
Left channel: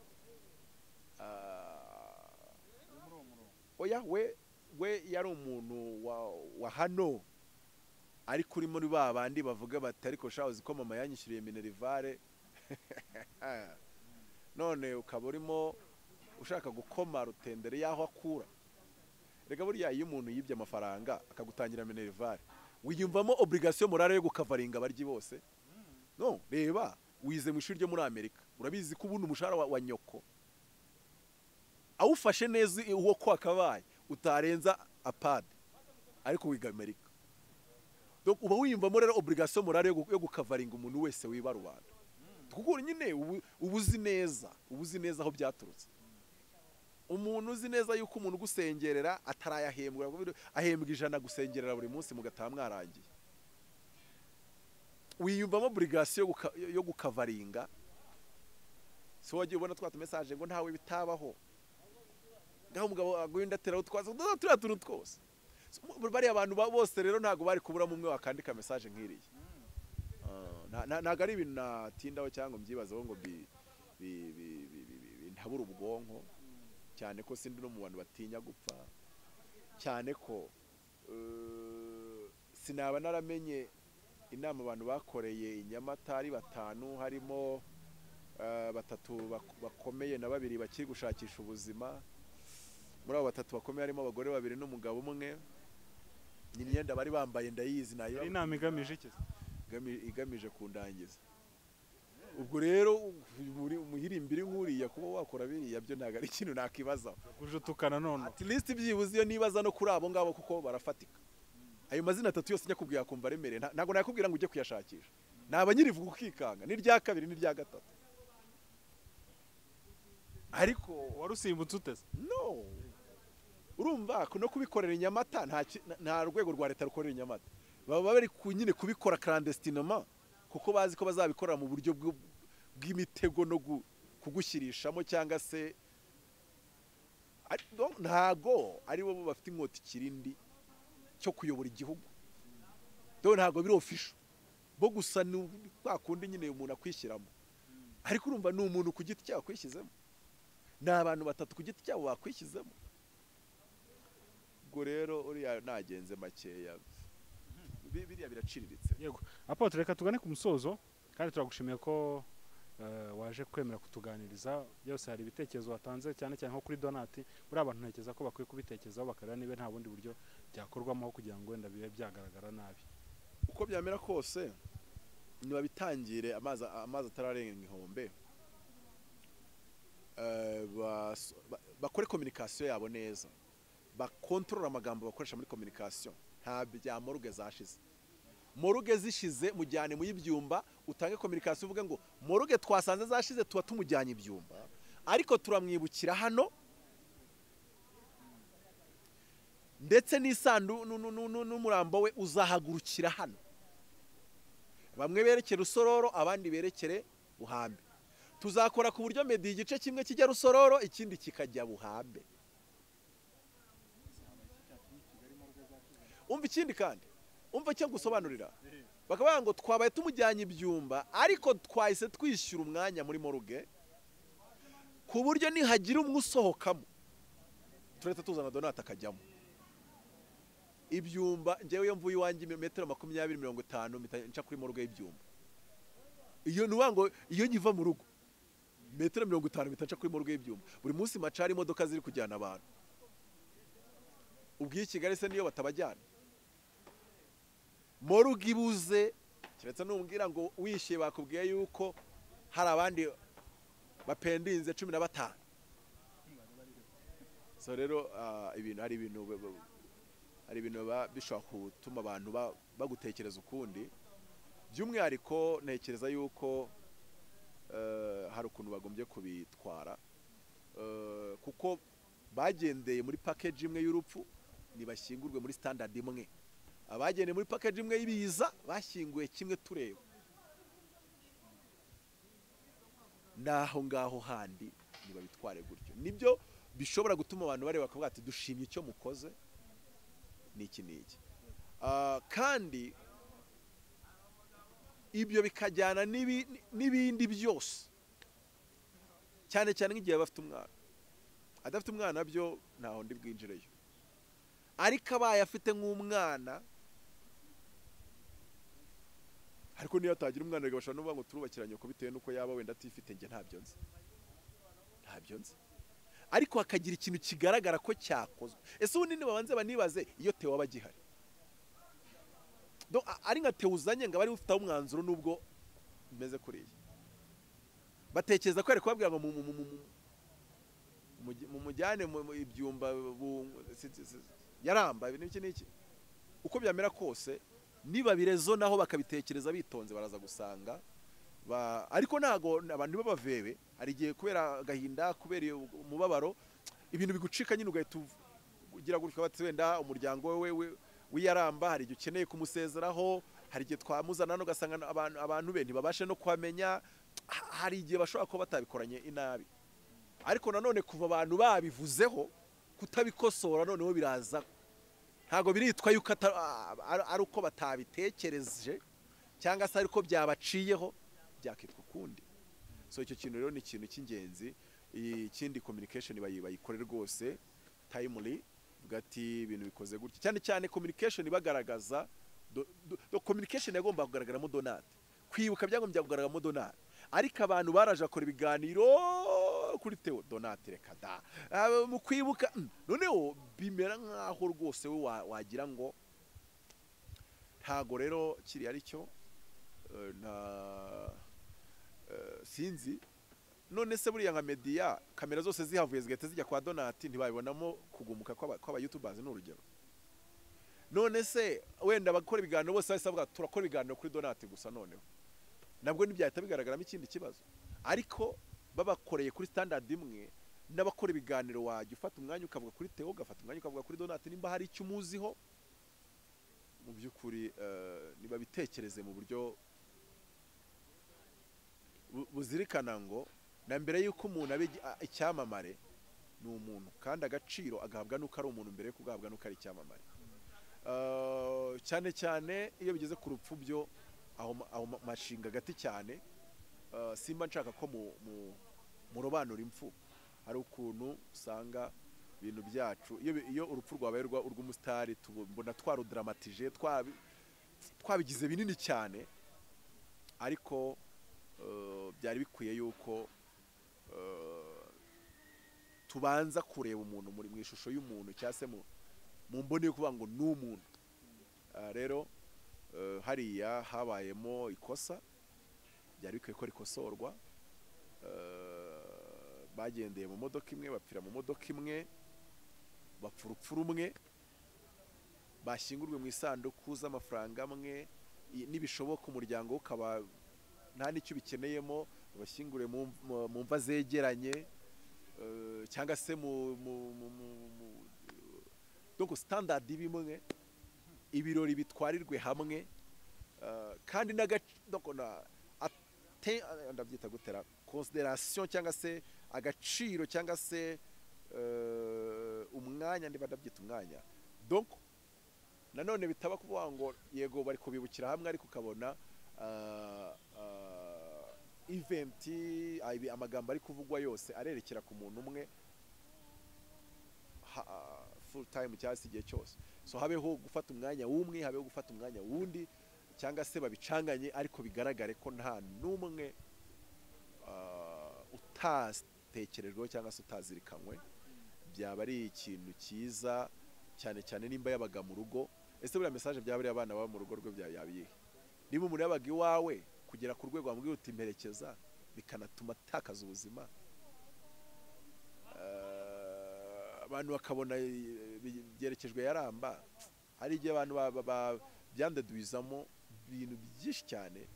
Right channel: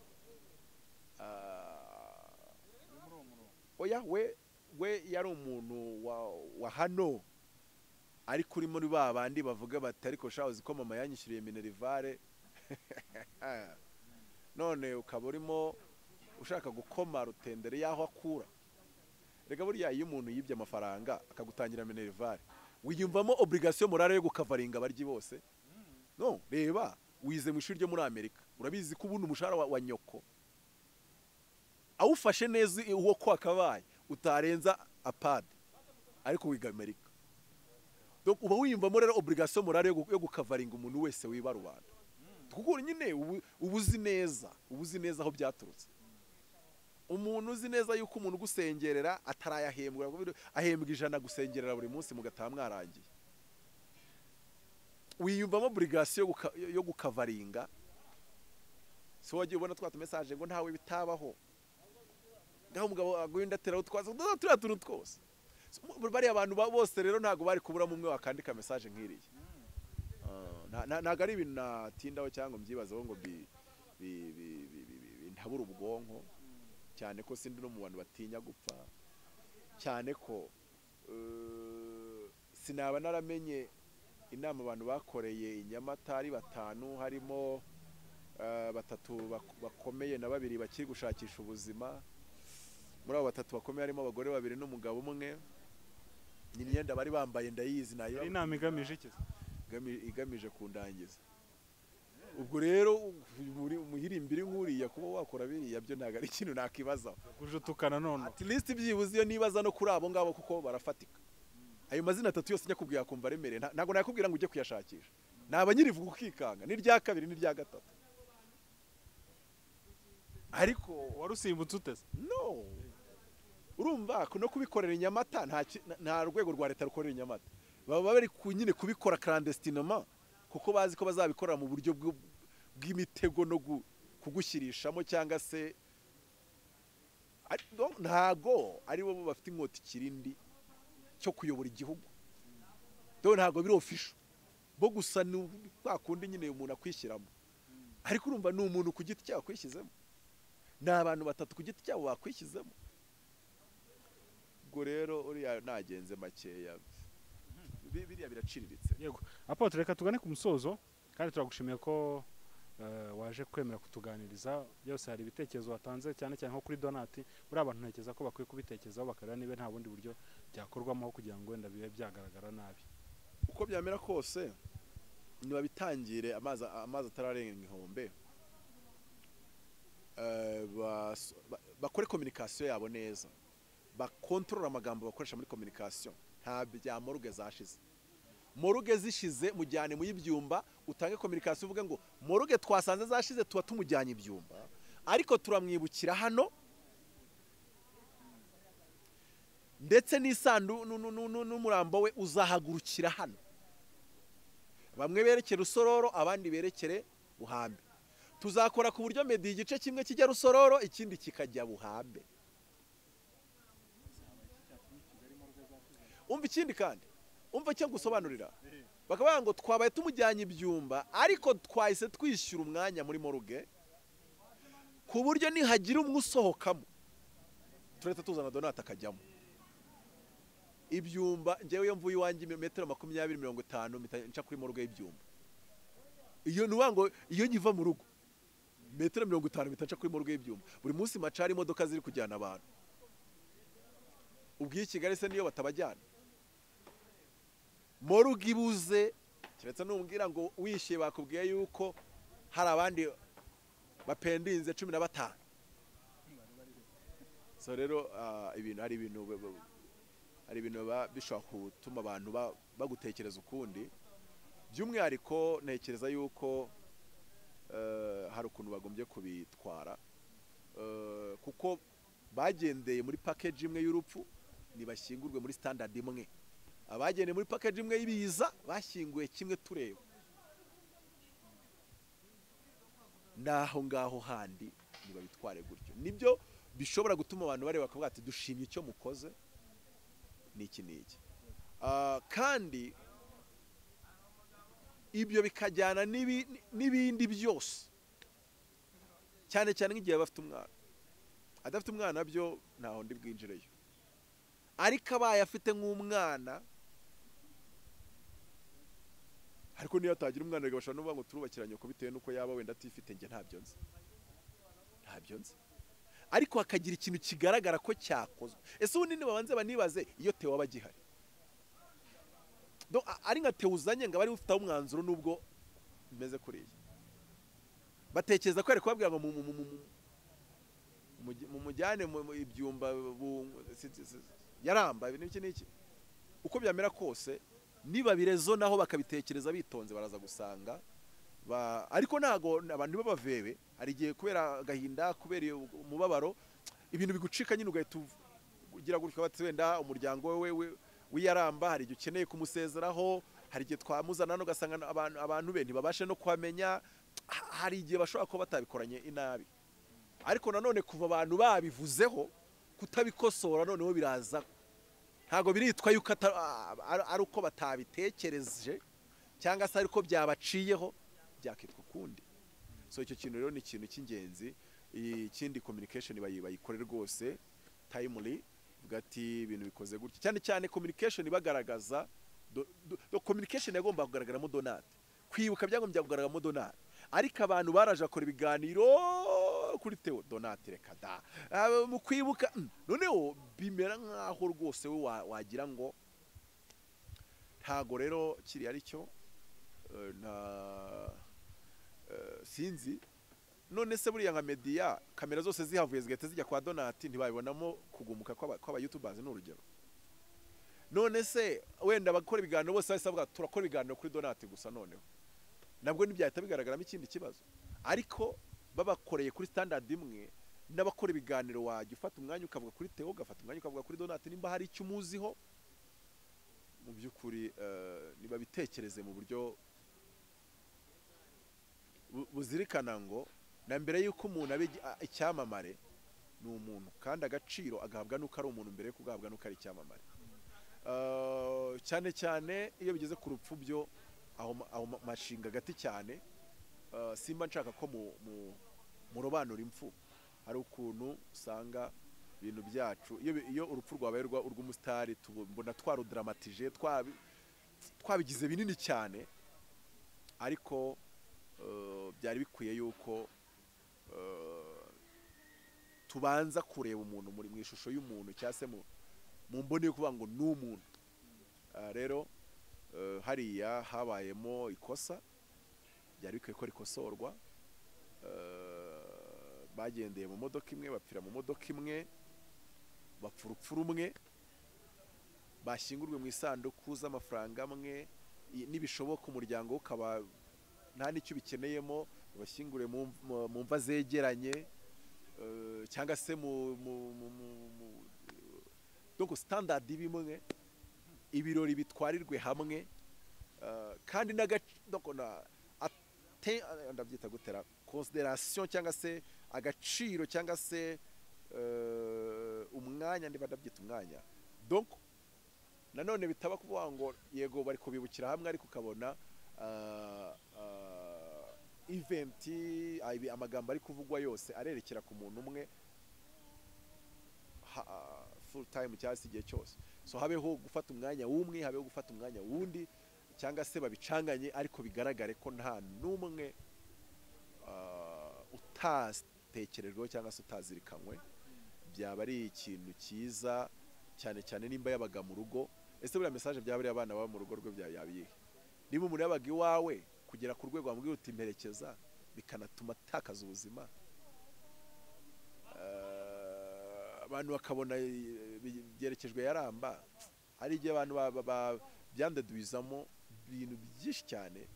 oya we yari umuntu wa hano ariko uri muri babandi bavuga bati ariko shaho ko mama yanyishyuriye minerivare none ukaba urimo ushaka gukoma rutendere yaho akura. Rega buriya iyo umuntu yibye amafaranga akagutangira minerivare wiyumvamo obligation morale yo gukavaringa abaryi bose. No reba wize mu ishuri ryo muri Amerika urabizi ko ubundi umushahara wa nyoko awufashe neza uwo ko akabaye utarenza apad ariko wiga Amerika. Donc uba wiyumvamo rero obligation morale yo gukavaringa umuntu wese wiba rubanda kuko nyine ubuzi neza aho byaturutse. Umuntu uzi neza yuko umuntu gusengerera atarayahembwa ahembwa 100 gusengerera buri munsi mugataha mwarangiye wiyumvamo obligation yo gukavaringa. So wagiye ubona twata message ngo ntawe bitabaho ngaho umugabo aguhinda tera utwaza tuntu twose bari abantu bose rero ntago bari kubura mumwe wakandika message nkiriye. Ntago ari ibintu natindaho cyangwa mbyibazaho ngo ntabura ubwonko cyane ko sindi no mu bantu batinya gupfa cyane ko sinaba naramenye inama abantu bakoreye inyamata ari 5 harimo 3 bakomeye na 2 bakiri gushakisha ubuzima. Muri abo 3 bakomeye harimo abagore 2 n'umugabo umwe n'imyenda bari bambaye ndayizi nayo inama igamije iki igamije kundangiza. Ubwo rero muhirimbiri nkuriya kuba wakora biriya byo ntago ari ikintu nakibaza kujutukana none at least byibuze iyo nibaza no kuri abo ngabo kuko barafatika. Ayo mazina 3 yose nyakubwiye akumva remere ntago nakubwira ngo ujye kuyashakisha naba nyirivuga ukikanga ni rya kabiri ni rya gatatu ariko warusimbutse utese. No urumva no kubikorera inyamata nta rwego rwa leta rukorera inyamata baba bari kunyine kubikora clandestinement kuko bazi ko bazabikorera mu buryo bw'imitego no kugushyirishamo cyangwa se ntago ari bo bafite inkota ikirindi cyo kuyobora igihugu. Ntago biri official bo gusa kwakundi nyine umuntu akwishyiramo ariko urumva ni umuntu ku giti cyawe kwishyizemo n'abantu 3 ku giti cyabo bakwishyizemo. Ubwo rero uriya nagenze makeya biriya biraciriritse. Yego Apotre reka tugane ku musozo kandi turagushimiye ko waje kwemera kutuganiriza. Byose hari ibitekerezo watanze cyane cyane nko kuri donati, muri abantu ntekereza ko bakwiye kubitekerezaho bakareba niba nta bundi buryo byakorwamo kugira ngo wenda bibe byagaragara nabi. Uko byamera kose niba bitangire amazi atararenga inkombe, bakore communication yabo neza, bakontorora amagambo bakoresha muri communication. Nta bya moruge zashize. Moruge zishize mujyane mu y'ibyumba, utange communication uvuga ngo moruge twasanze zashize tuba tumujyanye ibyumba, ariko turamwibukira hano, ndetse n'isandu n'umurambo we uzahagurukira hano. Bamwe berekere Rusororo, abandi berekere Buhambe. Tuzakora ku buryo Meddy igice kimwe kijya Rusororo, ikindi kikajya Buhambe. Umva ikindi kandi, umva cyo gusobanurira. Bakavuga ngo twabaye tumujyanye ibyumba, ariko twahise twishyura umwanya muri moruge, ku buryo nihagira umwe usohokamo turetse tuzana donata akajyamo. Ibyumba njyewe yo mvuye iwanjye metero 20-50 nca kuri moruge y'ibyumba. Iyo nuwa ngo iyo nyiva mu rugo metero 50 nca kuri moruge y'ibyumba. Buri munsi macari imodoka ziri kujyana abantu. Ubwiye Kigali se niyo batabajyana. Moruge ibuze kiretse numbwira ngo wishiye bakubwiye yuko hari abandi bapendinze 15. So rero ibintu hari ibintu bishobora gutuma abantu bagutekereza ukundi. By'umwihariko ntekereza yuko hari ukuntu bagombye kubitwara, kuko bagendeye muri package imwe y'urupfu nibashyingurwe muri standard imwe. Abagendeye muri package imwe y'ibiza bashyinguye kimwe tureba. Naho ngaho handi nibabitware gutyo. Nibyo bishobora gutuma abantu bareba bakavuga ati dushimye icyo mukoze niki. Kandi ibyo bikajyana n'ibindi byose, cyane cyane nk'igihe bafite umwana. Adafite umwana byo ntaho ndi bwinjireyo, ariko abaye afite nk'umwana, ariko niyo atagira umwana bashobora no kuvuga ngo turubakiranye ko bitewe nuko yaba wenda atifite. Nge ntabyo nzi, ariko hakagira ikintu kigaragara ko cyakozwe. Ese ubundi babanze banibaze iyo Theo aba agihari, ari nka Theo uzanye ngo bari ufite umwanzuro nubwo meze kuriya, batekereza ko ari kubabwira ngo mu mujyane mu ibyumba yaramba ibintu iki. Uko byamera kose niba birezo naho bakabitekereza bitonze baraza gusanga ariko nago abantu babavebe. Hari igihe kubera agahinda, kubera umubabaro, ibintu bigucika nyine ugahita ugira gutyo bati wenda umuryango we wiyaramba, hari igihe ukeneye kumusezeraho, hari igihe twamuzana no gasanga abantu be ntibabashe no kwamenya, hari igihe bashobora kuba batabikoranye inabi. Ariko nanone kuva abantu babivuzeho kutabikosora noneho biraza, ntago biritwa yuko ari uko batabitekereje cyangwa se ariko byabaciyeho byakitwa kundi. So icyo kintu rero ni ikintu cy'ingenzi. Ikindi communication bayikorera rwose timely, vuga ati ibintu bikoze gutya, cyane cyane communication bagaragaza communication yagomba kugaragaramo donate, kwibuka byagombye kugaragaramo donate, ariko abantu baraje akora ibiganiro kuri Theo donate reka da mu kwibuka. Noneho bimera nkaho rwose we wagira ngo ntago rero kiri ari cyo sinzi. None se buriya nka media kamera zose zihavuye zigahita zijya kwa donati ntibabibonamo kugumuka kw'aba YouTubers n'urugero. None se wenda bakora ibiganiro bose bavuga turakora ibiganiro kuri donati gusa, noneho nabwo ntibyahita bigaragaramo ikindi kibazo. Ariko babakoreye kuri standard imwe, n'abakora ibiganiro wajya ufata umwanya ukavuga kuri Theo, ugafata umwanya ukavuga kuri donati nimba hari icyo umuziho. Mu by'ukuri niba bitekereze mu buryo buzirikana ngo na mbere yuko umuntu abe icyamamare ni umuntu, kandi agaciro agahabwa nuko ari umuntu mbere yo kugahabwa nuko ari icyamamare. Cyane cyane iyo bigeze ku rupfu byo aho mashinga gati cyane. Simba nshaka ko murobanura impfu. Hari ukuntu usanga ibintu byacu iyo urupfu rwabaye urw'umusitari tubona twarudramatije, twabigize binini cyane, ariko byari bikwiye yuko tubanza kureba umuntu mu ishusho y'umuntu cyangwa se mu mboni yo kuvuga ngo ni umuntu. Rero hariya habayemo ikosa byari bikwiye ko rikosorwa. Bagendeye mu modoka imwe, bapfira mu modoka imwe, bapfa urupfu rumwe, bashyingurwe mu isanduku z'amafaranga amwe, n'ibishoboka umuryango ukaba nta n'icyo bikeneyemo, bashyingure mu mva zegeranye, cyangwa se donc standard bimwe, ibirori bitwarirwe hamwe, kandi ndabyita gutera consideration cyangwa se agaciro cyangwa se umwanya, niba ndabyita umwanya. Donc nanone bitaba kuvuga ngo yego bari kubibukira hamwe, ariko ukabona event amagambo ari kuvugwa yose arerekera ku muntu umwe full time cyangwa se igihe cyose. So habeho gufata umwanya w'umwe, habeho gufata umwanya wundi, cyangwa se babicanganye ariko bigaragare ko nta n'umwe utatekerejweho cyangwa se utazirikanywe. Byaba ari ikintu cyiza cyane cyane nimba yabaga mu rugo. Ese buriya message byaba ari abana baba mu rugo rwe byabiye, niba umuntu yabaga iwawe kugera ku rwego wamubwira uti mperekeza, bikanatuma atakaza ubuzima, abantu bakabona byerekejwe yaramba. Hari igihe abantu byandeduizamo ibintu byinshi cyane.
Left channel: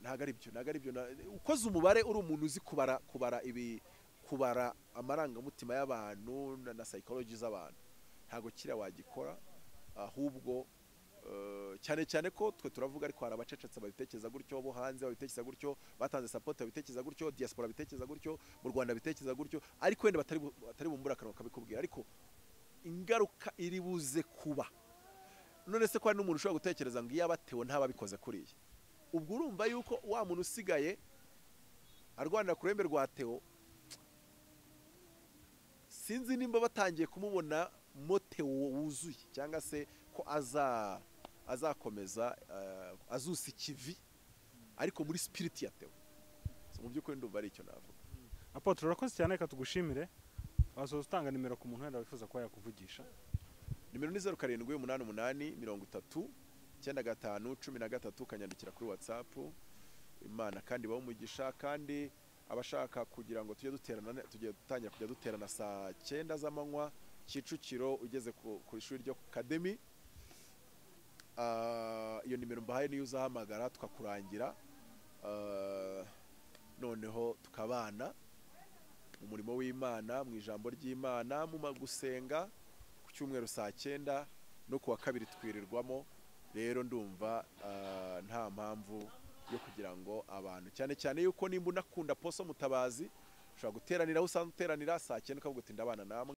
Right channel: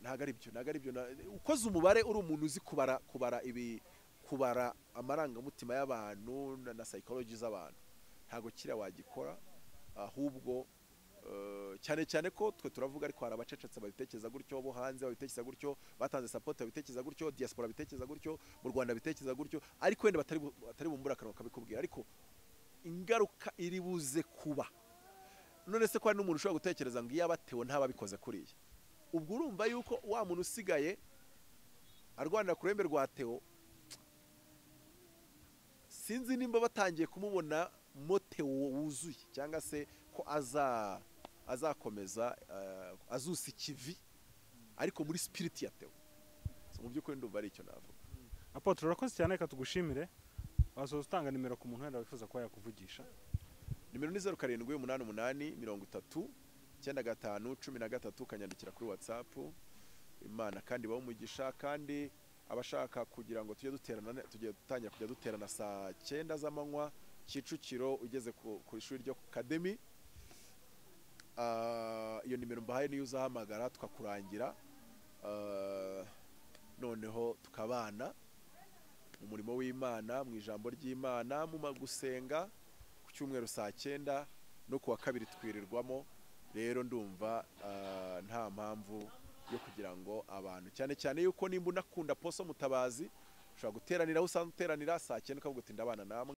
Ntago ari byo ukoze umubare uri umuntu uzi kubara amarangamutima y'abantu na psychology z'abantu, ntago kiriya wagikora. Ahubwo cyane cyane ko twe turavuga, ariko hari abacecetse babitekereza gutyo, bo hanze babitekereza gutyo, batanze support babitekereza gutyo, diaspora babitekereza gutyo, mu Rwanda babitekereza gutyo, ariko wenda batari bumbura akanwa kabikubwira, ariko ingaruka iri buze kuba. None se ko hari n'umuntu ushobora gutekereza ngo iyo abatewe ntababikoze kuriya, ubwo urumva yuko wa muntu usigaye arwanira ku ruhembe rwa Theo, sinzi nimba batangiye kumubona mote wuzuye, cyangwa se ko azakomeza azusa ikivi ariko muri spirit ya Theo. So mu by'ukuri ndumva ari icyo navuga. Apotre, urakoze cyane, reka tugushimire. Wasoza utanga nimero ku muntu wenda wifuza kuba yakuvugisha. Nimero ni 0788309513, kanyandikira kuri WhatsApp. Imana kandi bawumugisha, kandi abashaka kugira ngo tujye dutangira kujya duterana saa 9 z'amanywa Kicukiro ugeze ku ishuri ryo Academy. Iyo nimero mbahaye niyo uzahamagara tukakurangira, noneho tukabana mu murimo w'Imana, mu ijambo ry'Imana, mu gusenga ku cyumweru saa 9 no kuwa kabiri twirirwamo. Rero ndumva nta mpamvu yo kugira ngo abantu, cyane cyane yuko nimba unakunda Poso Mutabazi, ushobora guteranira aho usanzwe uteranira saa 9 ukavuga uti ndabana namwe.